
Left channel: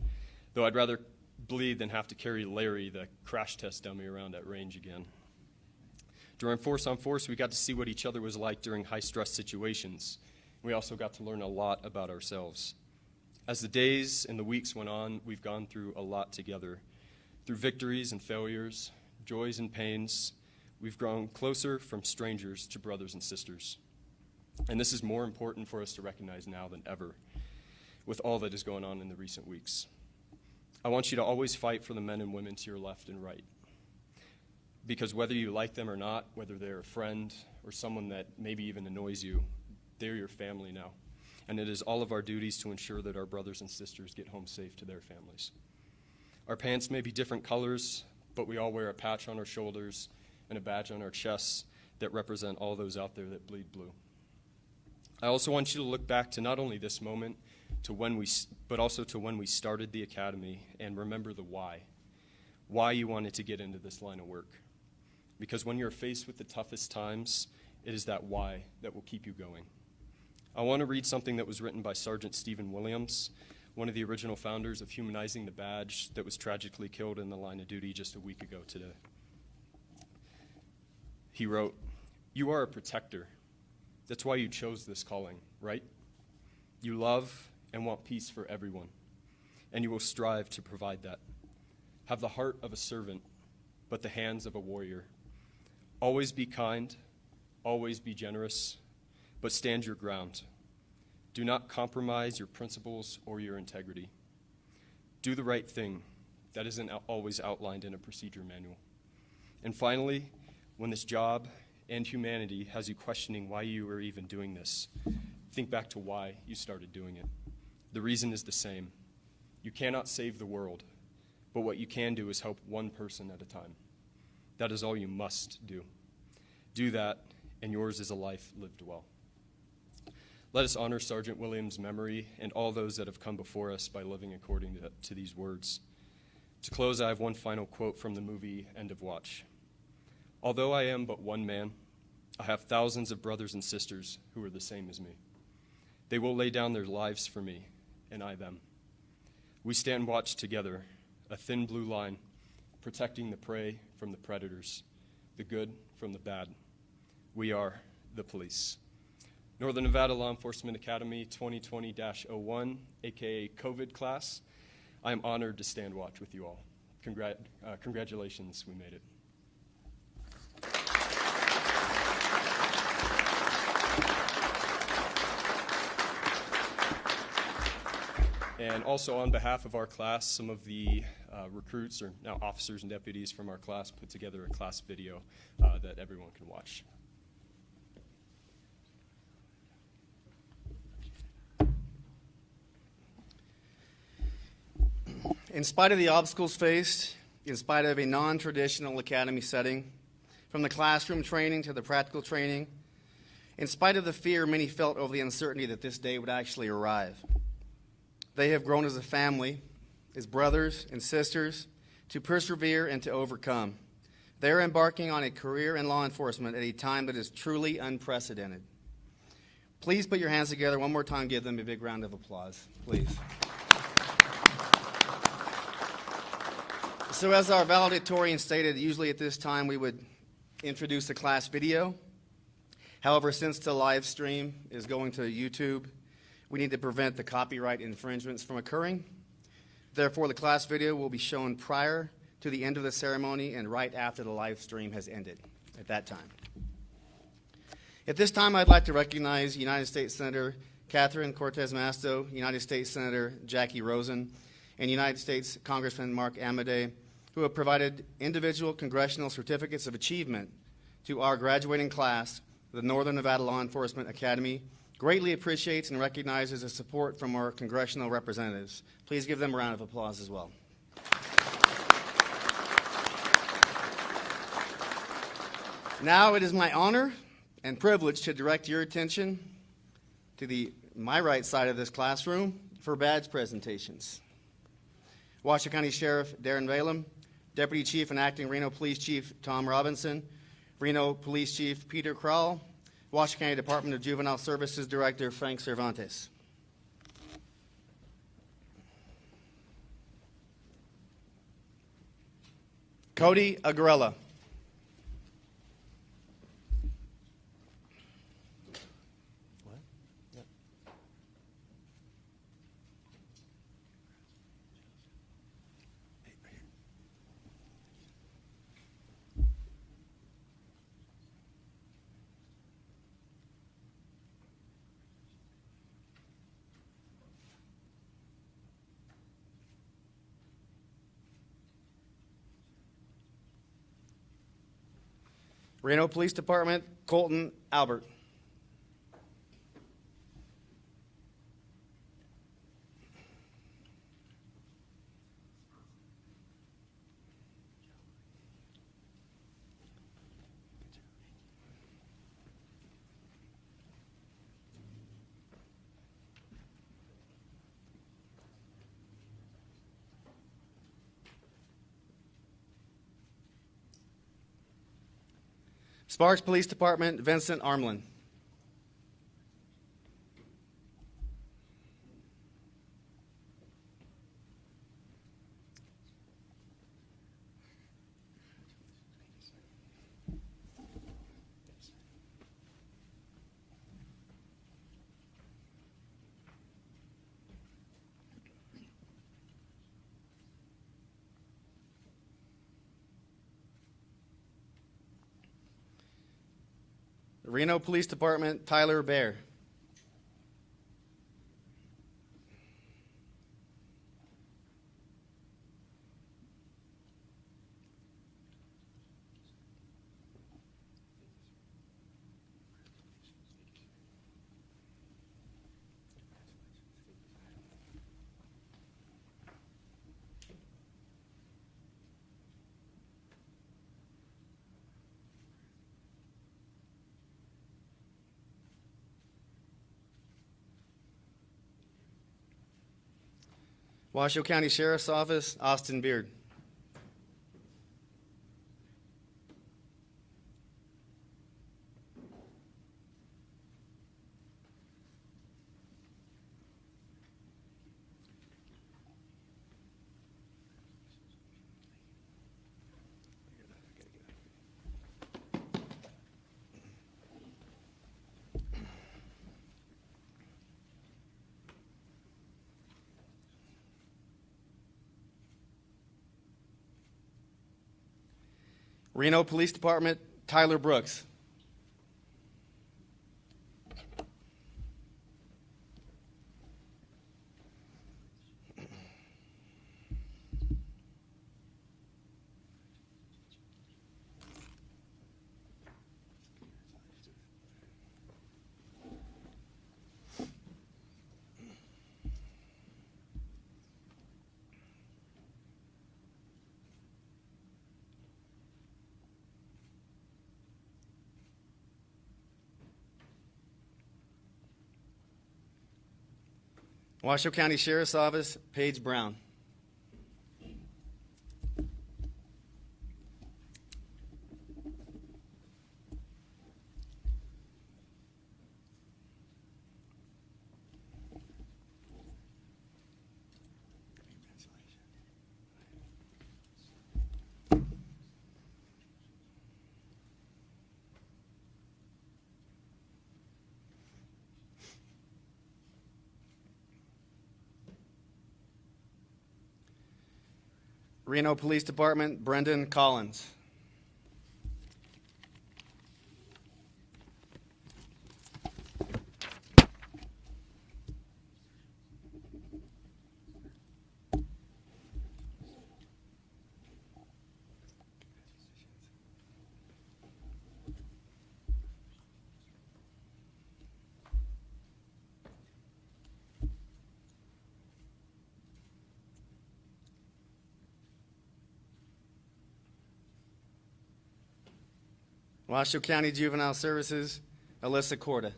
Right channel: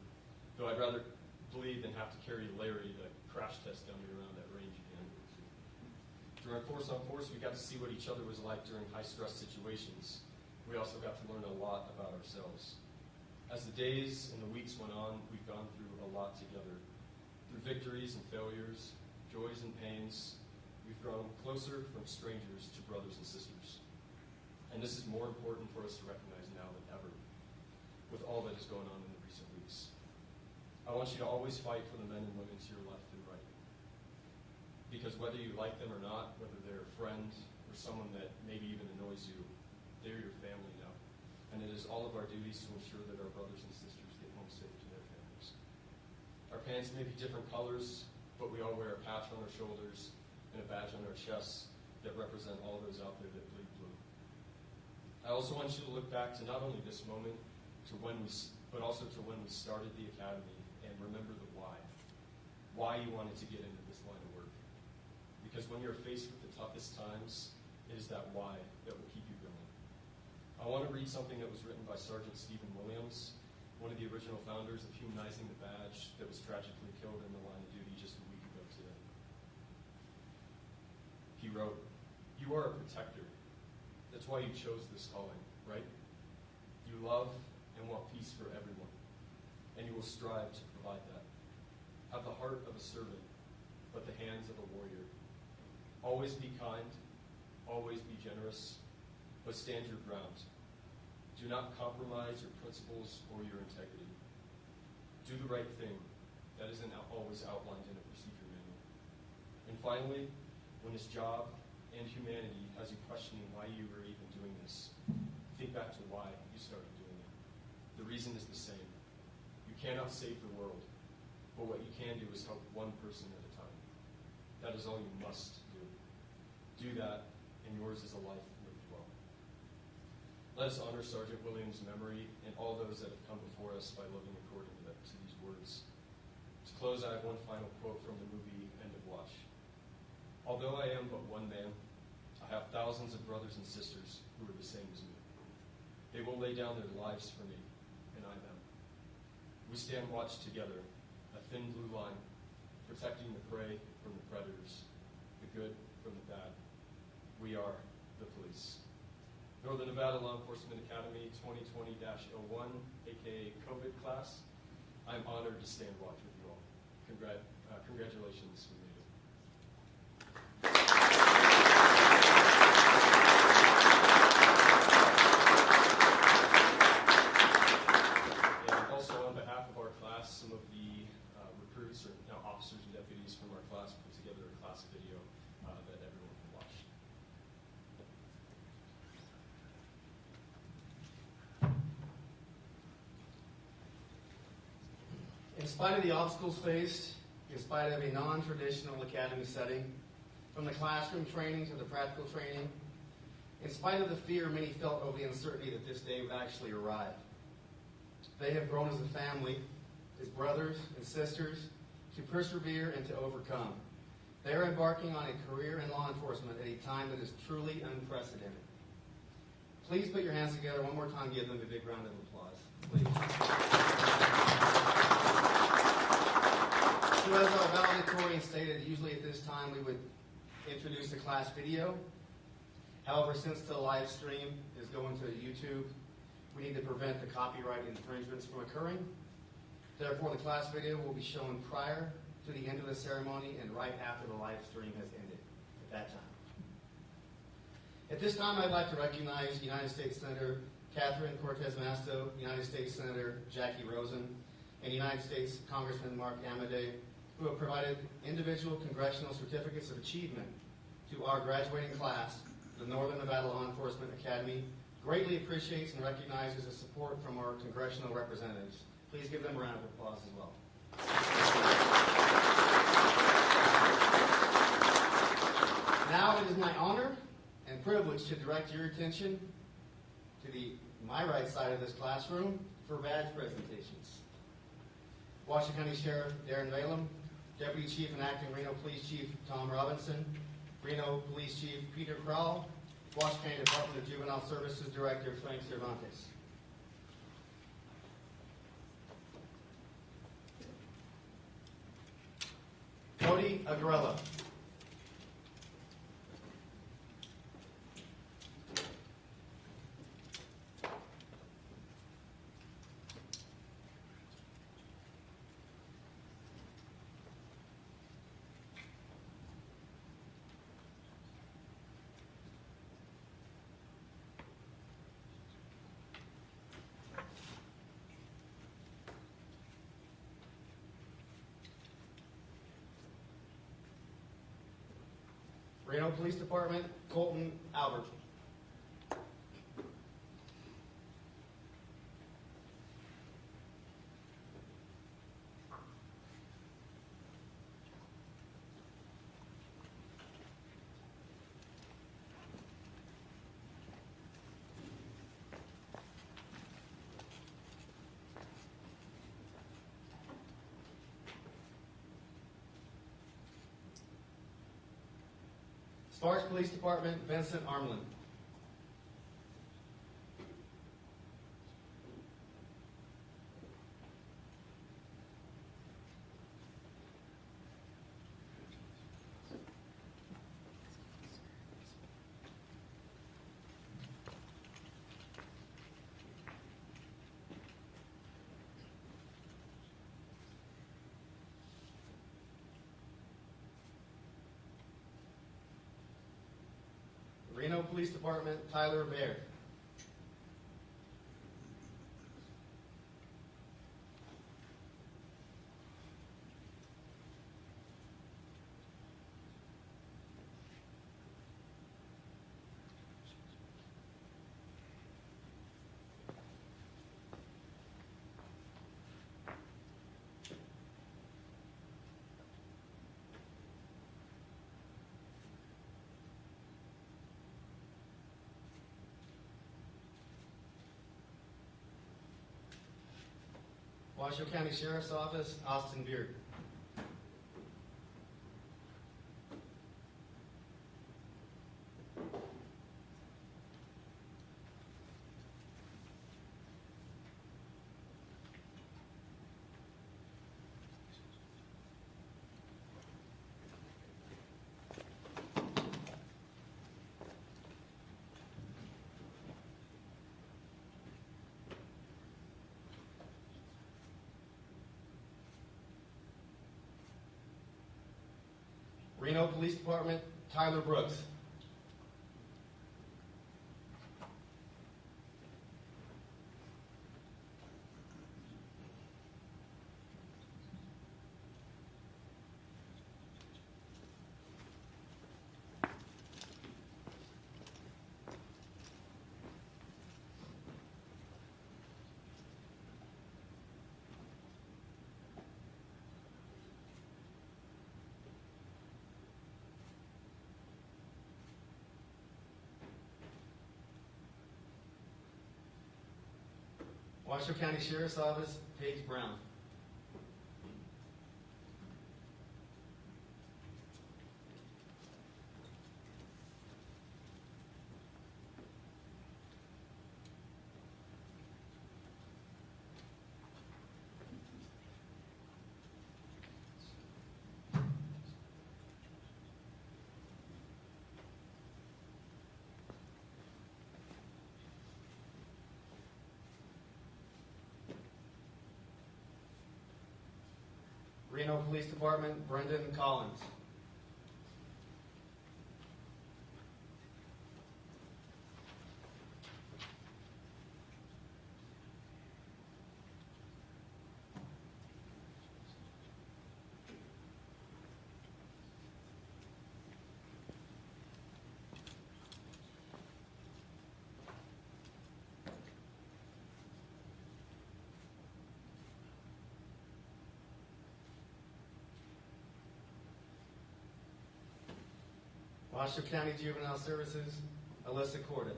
though I'd rather bleed than have to carry Larry, the crash test dummy, around at range again. During Force on Force, we got to see what each other was like during high-stress situations. We also got to learn a lot about ourselves. As the days and the weeks went on, we've gone through a lot together. Through victories and failures, joys and pains, we've grown closer from strangers to brothers and sisters. And this is more important for us to recognize now than ever, with all that is going on in the recent weeks. I want you to always fight for the men and women to your left and right. Because whether you like them or not, whether they're a friend or someone that maybe even annoys you, they're your family now. And it is all of our duties to ensure that our brothers and sisters get home safe to their families. Our pants may be different colors, but we all wear a patch on our shoulders and a badge on our chests that represent all those out there that bleed blue. I also want you to look back to not only this moment, but also to when we started the academy, and remember the why you wanted to get into this line of work. Because when you're faced with the toughest times, it is that why that will keep you going. I want to read something that was written by Sergeant Stephen Williams, one of the original founders of Humanizing the Badge that was tragically killed in the line of duty just a week ago today. He wrote, "You are a protector. That's why you chose this calling, right? You love and want peace for everyone, and you will strive to provide that. Have the heart of a servant, but the hands of a warrior. Always be kind, always be generous, but stand your ground. Do not compromise your principles or your integrity. Do the right thing. That isn't always outlined in a procedure manual. And finally, when this job and humanity has you questioning why you are even doing this, think back to why you started doing it. The reason is the same. You cannot save the world, but what you can do is help one person at a time. That is all you must do. Do that, and yours is a life lived well. Let us honor Sergeant Williams' memory and all those that have come before us by living according to these words. To close, I have one final quote from the movie End of Watch. Although I am but one man, I have thousands of brothers and sisters who are the same as me. They will lay down their lives for me, and I them. We stand watch together, a thin blue line, protecting the prey from the predators, the good from the bad. We are the police. Northern Nevada Law Enforcement Academy 2020-01, aka COVID class. I am honored to stand watch with you all. Congratulations, we made it. And also on behalf of our class, some of the recruits, or now officers and deputies from our class, put together a class video that everyone can watch. In spite of the obstacles faced, in spite of a non-traditional academy setting, from the classroom training to the practical training, in spite of the fear many felt over the uncertainty that this day would actually arrive, they have grown as a family, as brothers and sisters, to persevere and to overcome. They are embarking on a career in law enforcement at a time that is truly unprecedented. Please put your hands together one more time. Give them a big round of applause, please. So as our valedictorian stated, usually at this time we would introduce the class video. However, since the live stream is going to YouTube, we need to prevent the copyright infringements from occurring. Therefore, the class video will be shown prior to the end of the ceremony and right after the live stream has ended at that time. At this time, I'd like to recognize United States Senator Catherine Cortez Masto, United States Senator Jackie Rosen, and United States Congressman Mark Amodei, who have provided individual congressional certificates of achievement to our graduating class. The Northern Nevada Law Enforcement Academy greatly appreciates and recognizes the support from our congressional representatives. Please give them a round of applause as well. Now it is my honor and privilege to direct your attention to my right side of this classroom for badge presentations. Washoe County Sheriff Darren Balin, Deputy Chief and Acting Reno Police Chief Tom Robinson, Reno Police Chief Peter Crowell, Washoe County Department of Juvenile Services Director Frank Cervantes. Cody Agrella. Reno Police Department, Colton Albert. Sparks Police Department, Vincent Armlin. Reno Police Department, Tyler Bear. Washoe County Sheriff's Office, Austin Beard. Reno Police Department, Tyler Brooks. Washoe County Sheriff's Office, Paige Brown. Reno Police Department, Brendan Collins. Washoe County Juvenile Services, Alyssa Corda.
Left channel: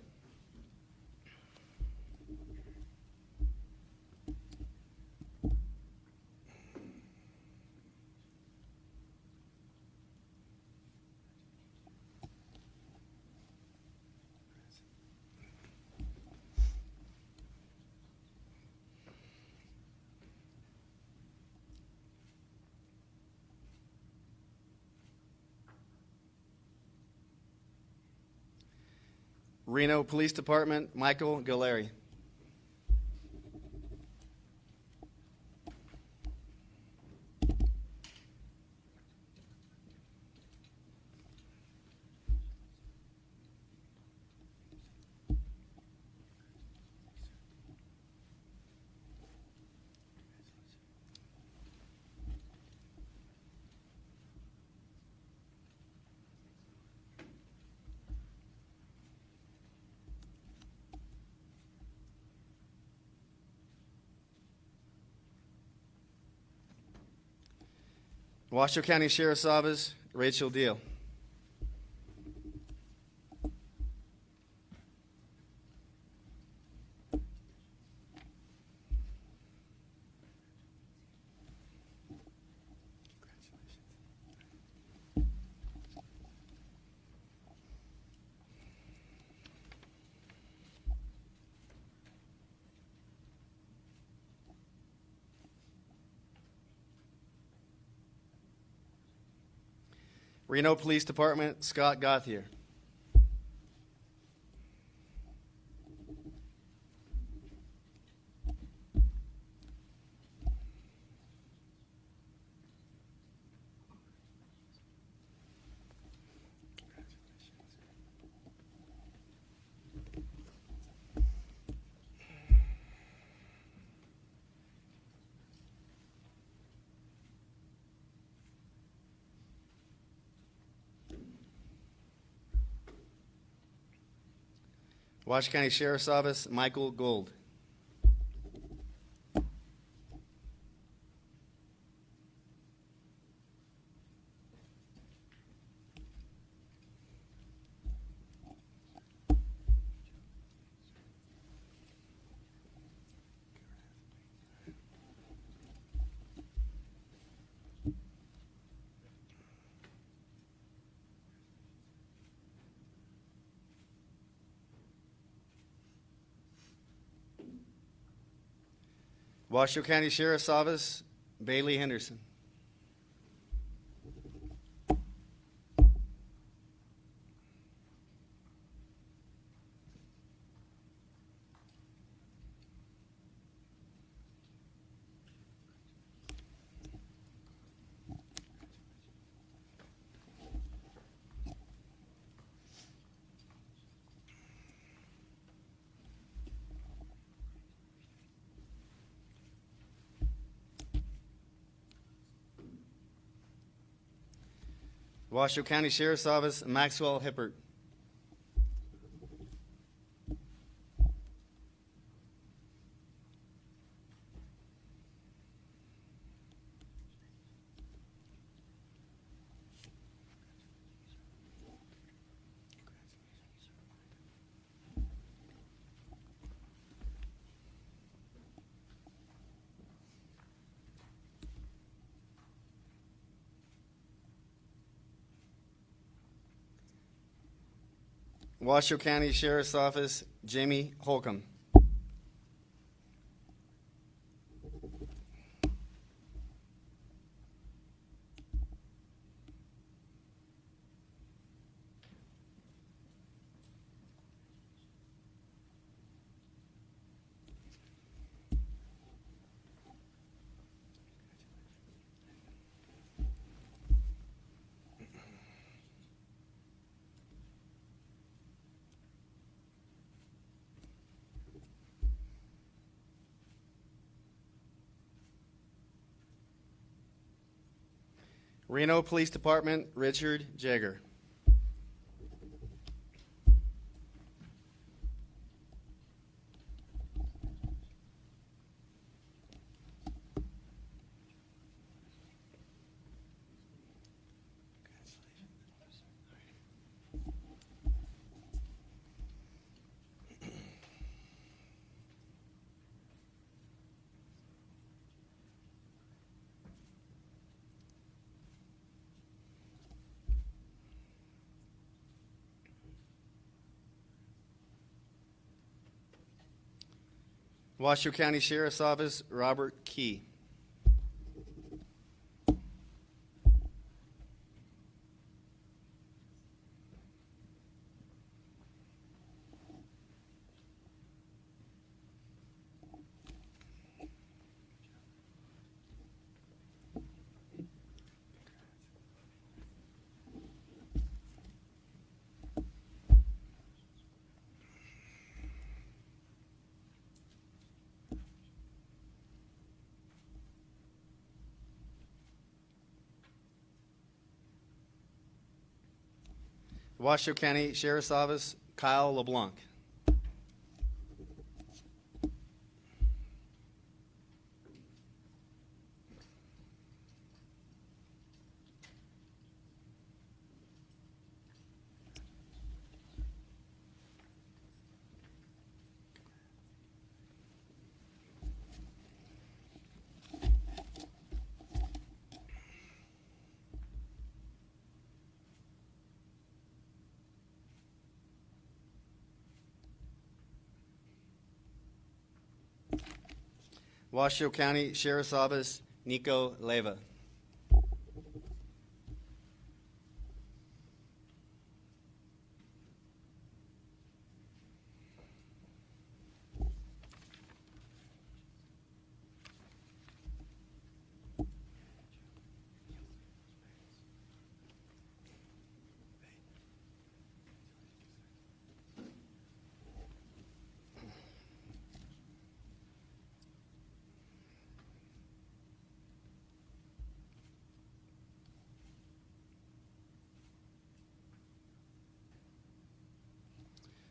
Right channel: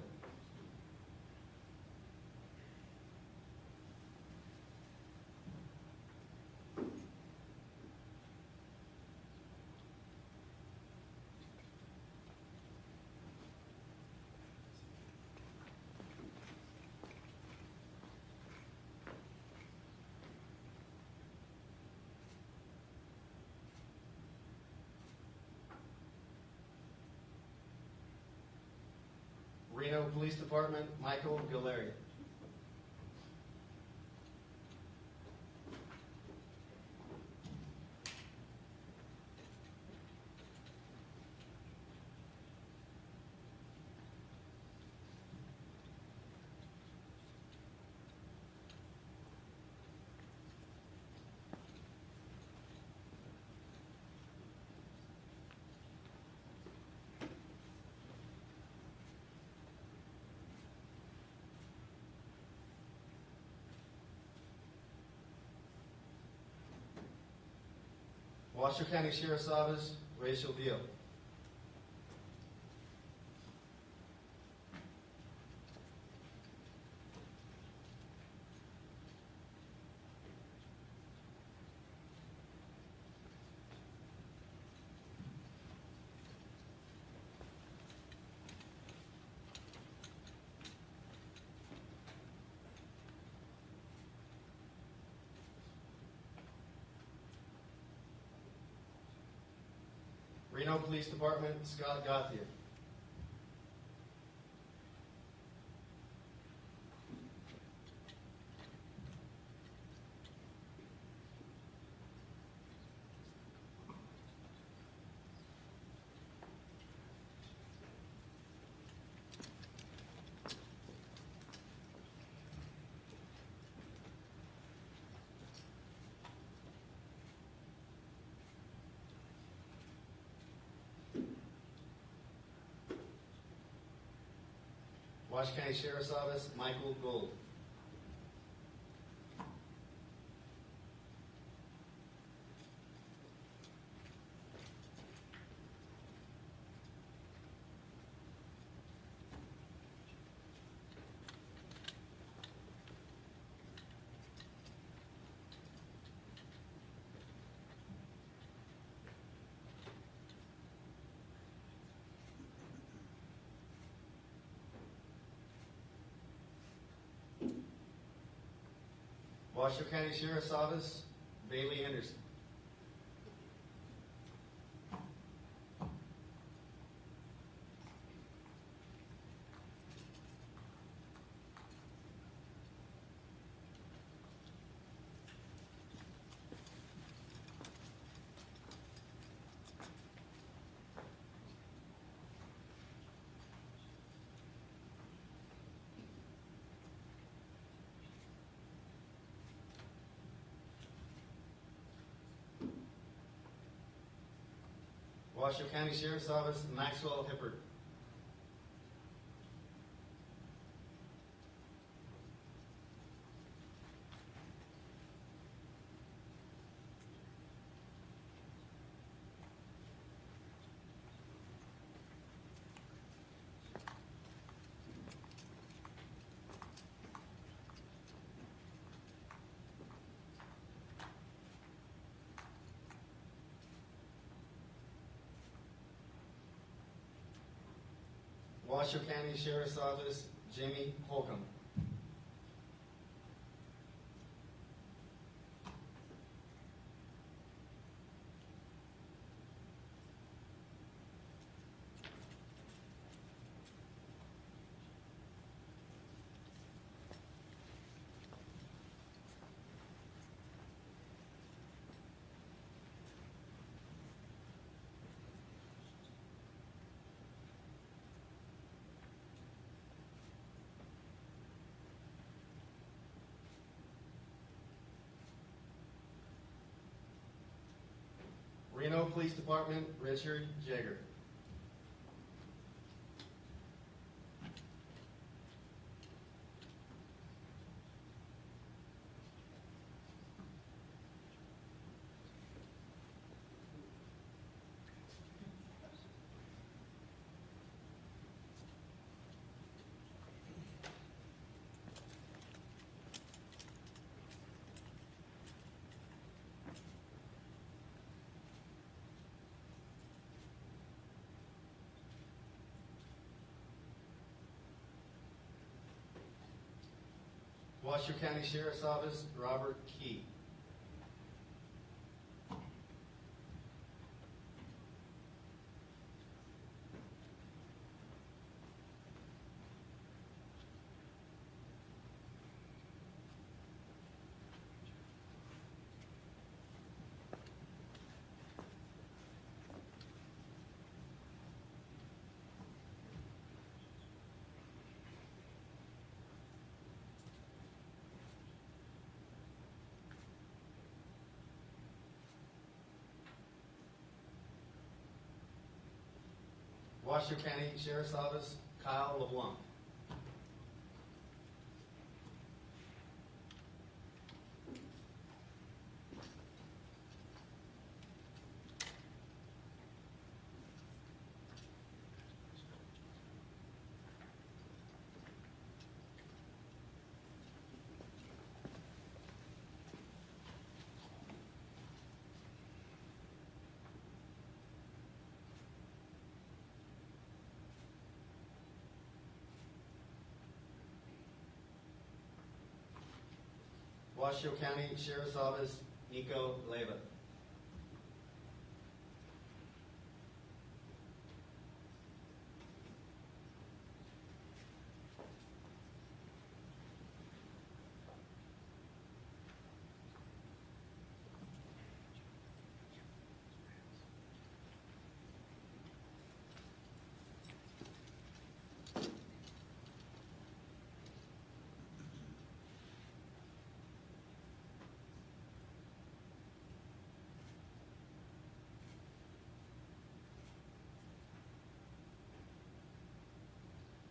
Reno Police Department, Michael Galleri. Washoe County Sheriff's Office, Rachel Deal. Reno Police Department, Scott Gauthier. Washoe County Sheriff's Office, Michael Gold. Washoe County Sheriff's Office, Bailey Henderson. Washoe County Sheriff's Office, Maxwell Hippert. Washoe County Sheriff's Office, Jamie Holcomb. Reno Police Department, Richard Jagger. Washoe County Sheriff's Office, Robert Key. Washoe County Sheriff's Office, Kyle LeBlanc. Washoe County Sheriff's Office, Nico Leva.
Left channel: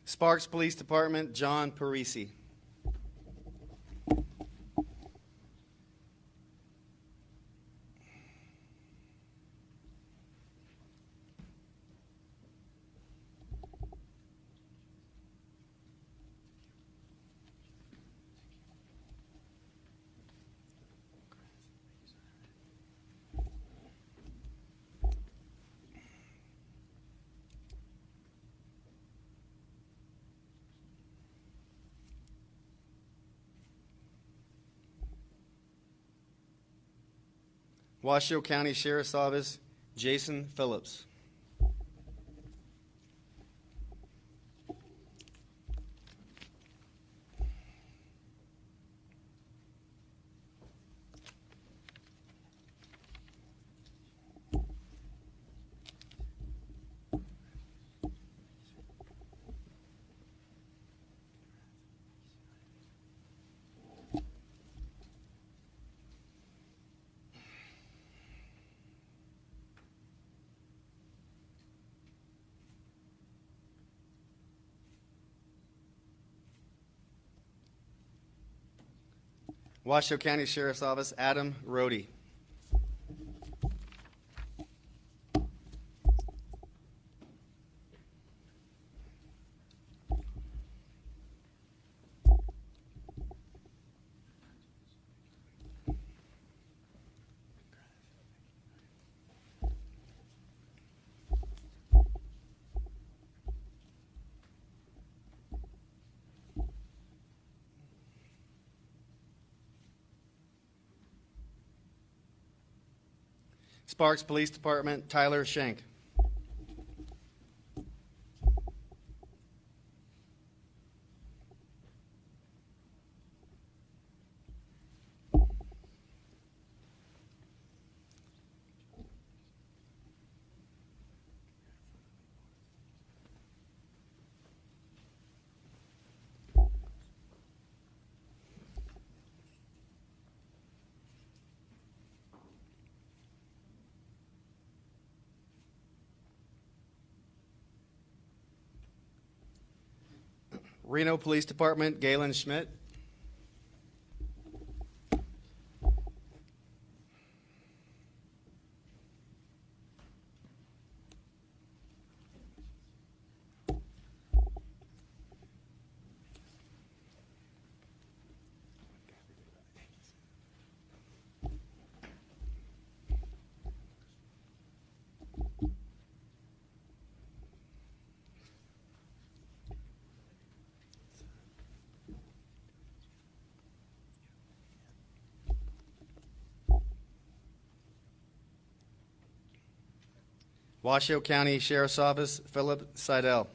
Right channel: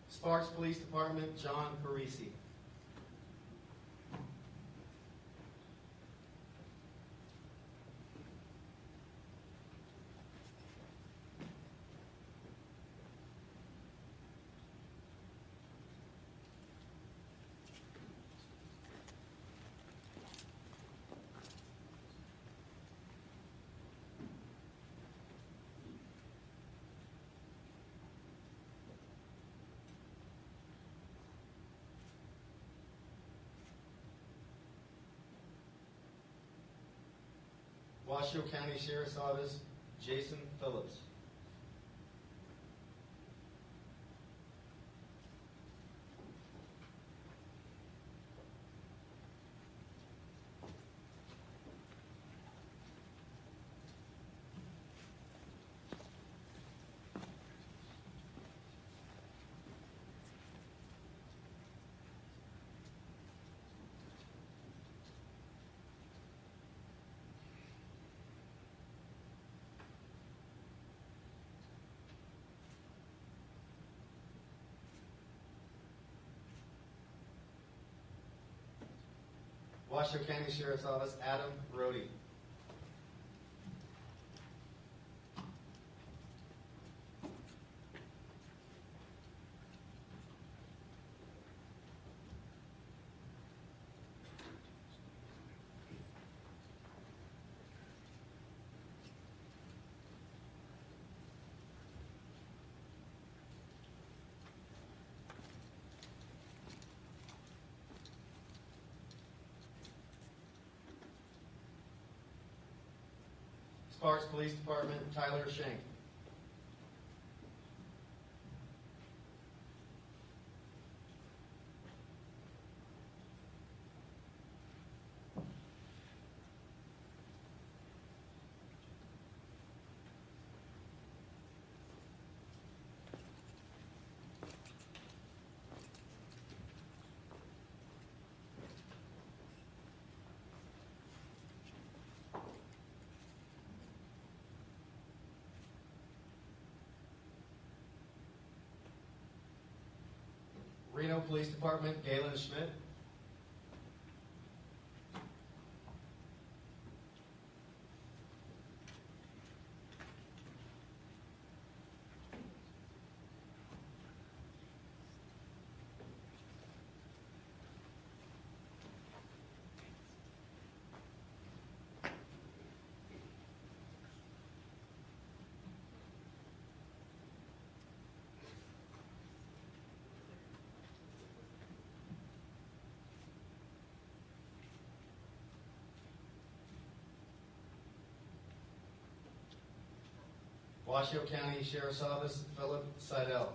Sparks Police Department, John Parisi. Washoe County Sheriff's Office, Jason Phillips. Washoe County Sheriff's Office, Adam Rohde. Sparks Police Department, Tyler Schenk. Reno Police Department, Galen Schmidt. Washoe County Sheriff's Office, Philip Seidel.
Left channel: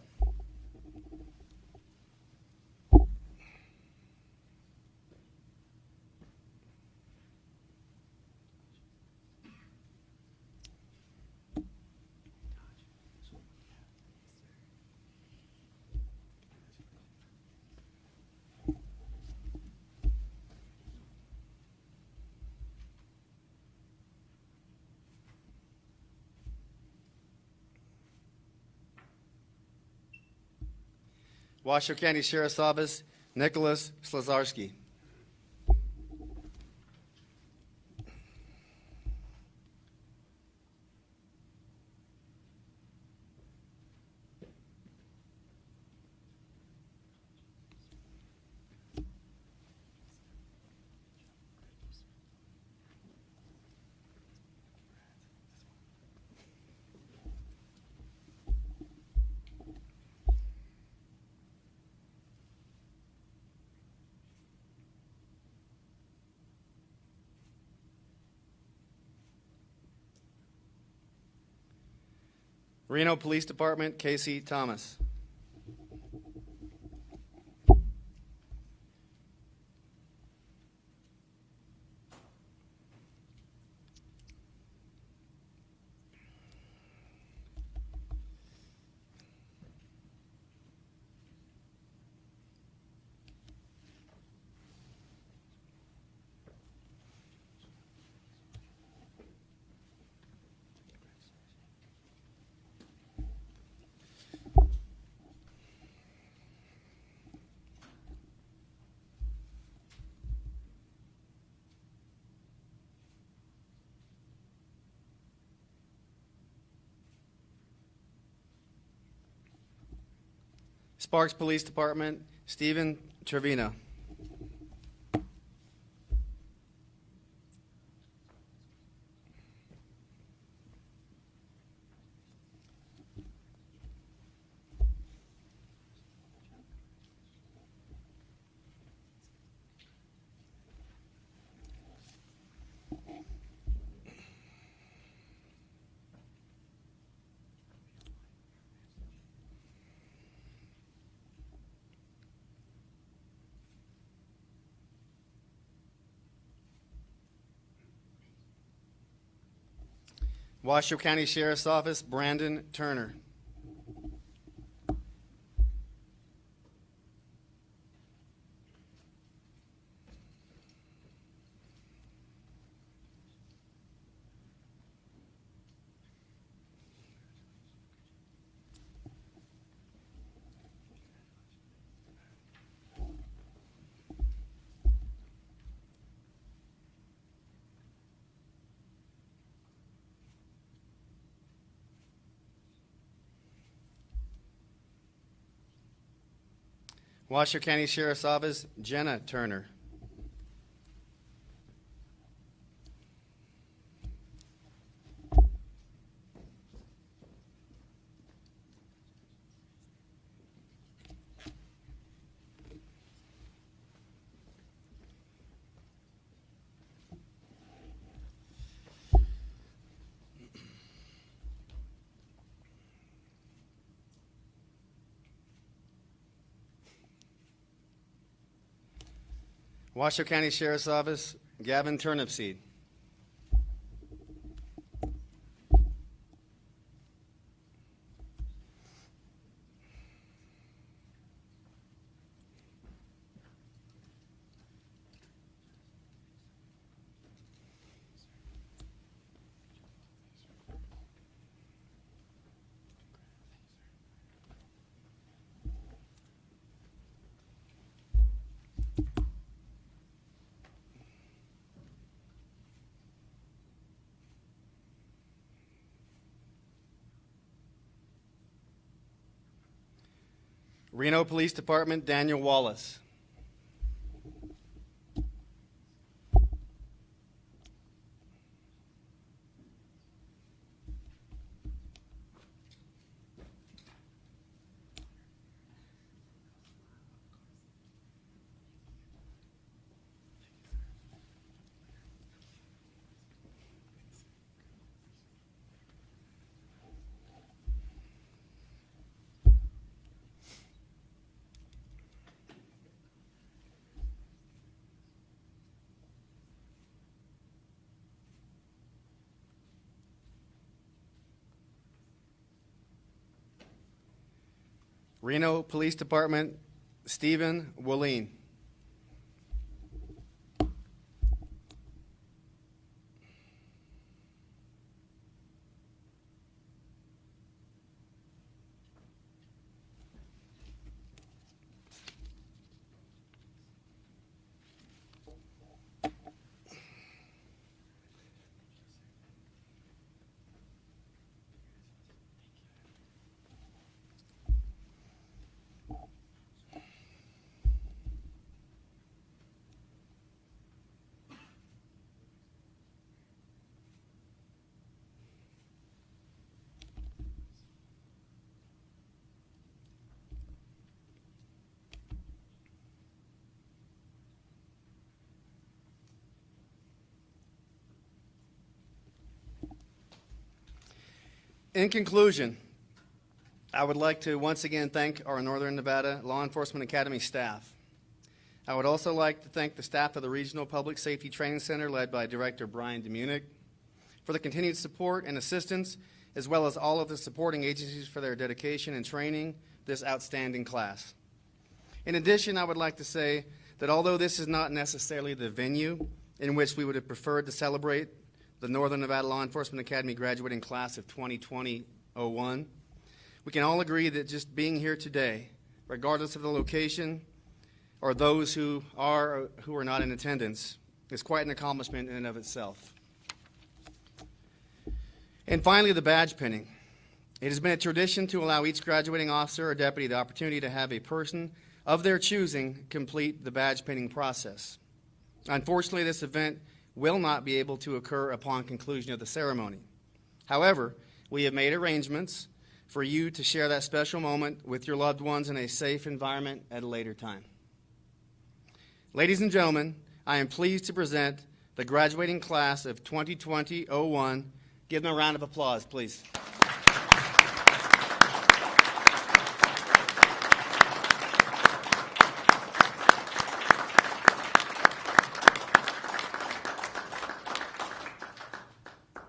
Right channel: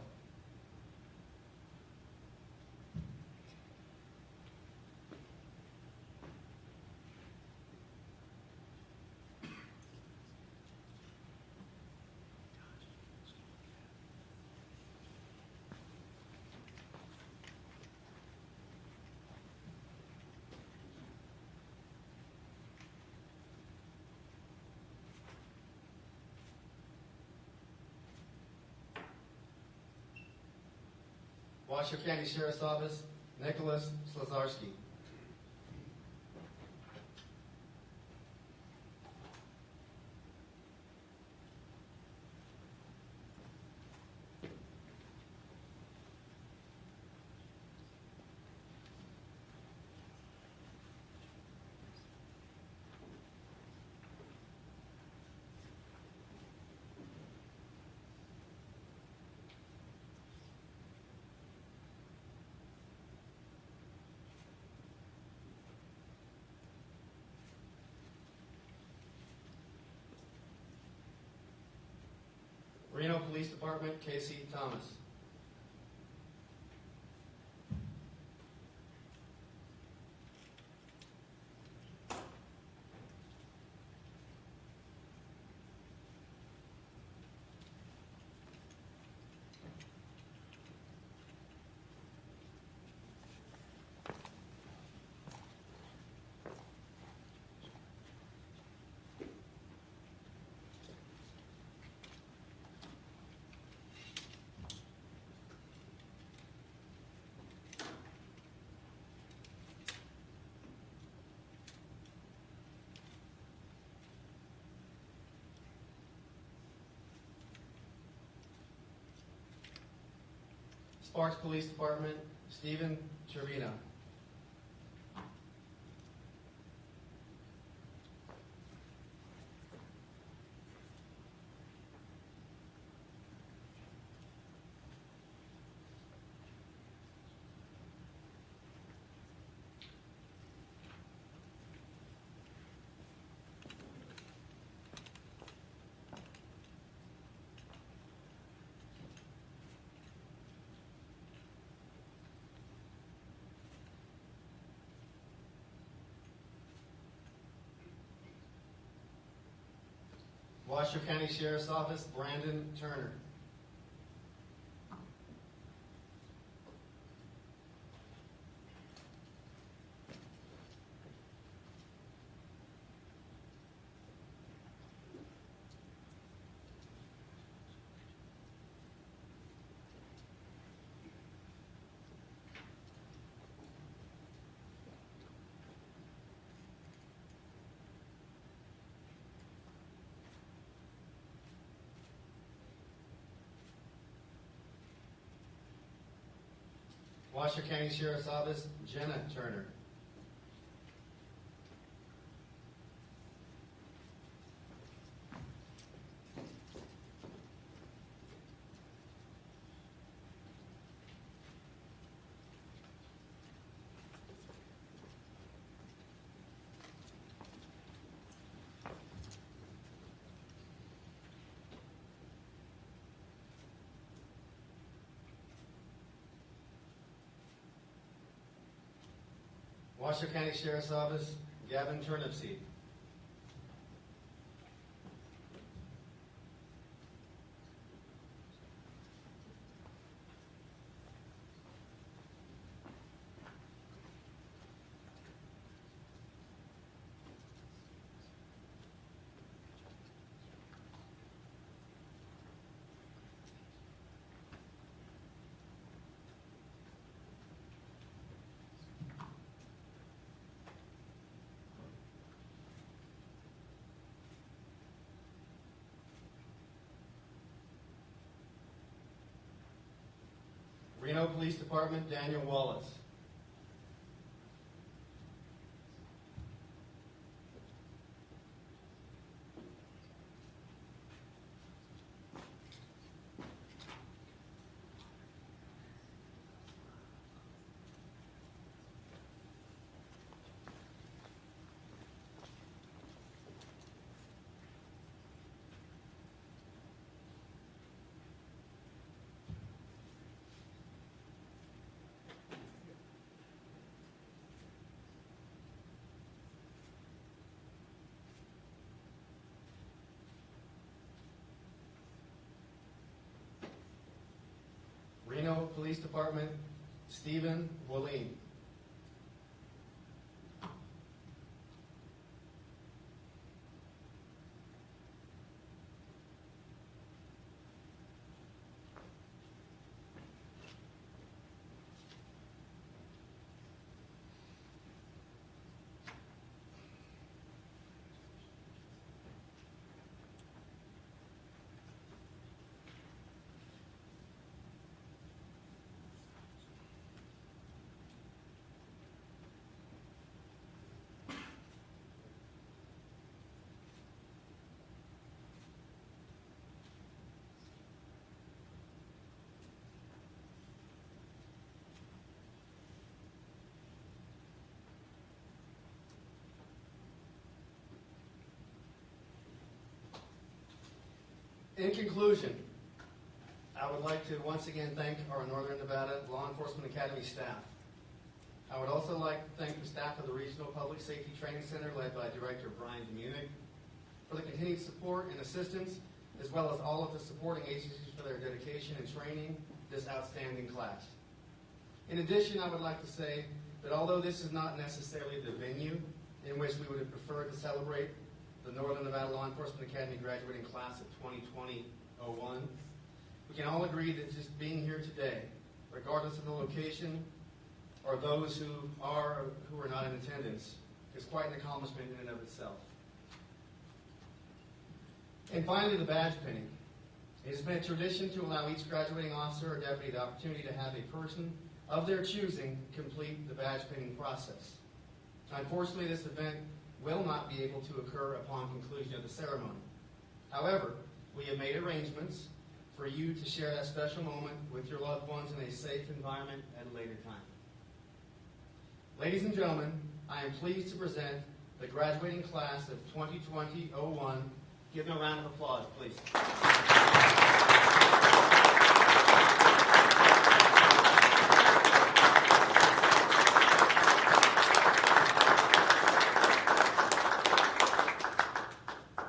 Washoe County Sheriff's Office, Nicholas Slazarski. Reno Police Department, Casey Thomas. Sparks Police Department, Stephen Trevino. Washoe County Sheriff's Office, Brandon Turner. Washoe County Sheriff's Office, Jenna Turner. Washoe County Sheriff's Office, Gavin Turnipseed. Reno Police Department, Daniel Wallace. Reno Police Department, Stephen Willeen. In conclusion, I would like to once again thank our Northern Nevada Law Enforcement Academy staff. I would also like to thank the staff of the Regional Public Safety Training Center led by Director Brian DeMunick for the continued support and assistance, as well as all of the supporting agencies for their dedication and training this outstanding class. In addition, I would like to say that although this is not necessarily the venue in which we would have preferred to celebrate the Northern Nevada Law Enforcement Academy graduating class of 2020-01, we can all agree that just being here today, regardless of the location or those who are not in attendance, is quite an accomplishment in and of itself. And finally, the badge pinning. It has been a tradition to allow each graduating officer or deputy the opportunity to have a person of their choosing complete the badge pinning process. Unfortunately, this event will not be able to occur upon conclusion of the ceremony. However, we have made arrangements for you to share that special moment with your loved ones in a safe environment at a later time. Ladies and gentlemen, I am pleased to present the graduating class of 2020-01. Give them a round of applause, please.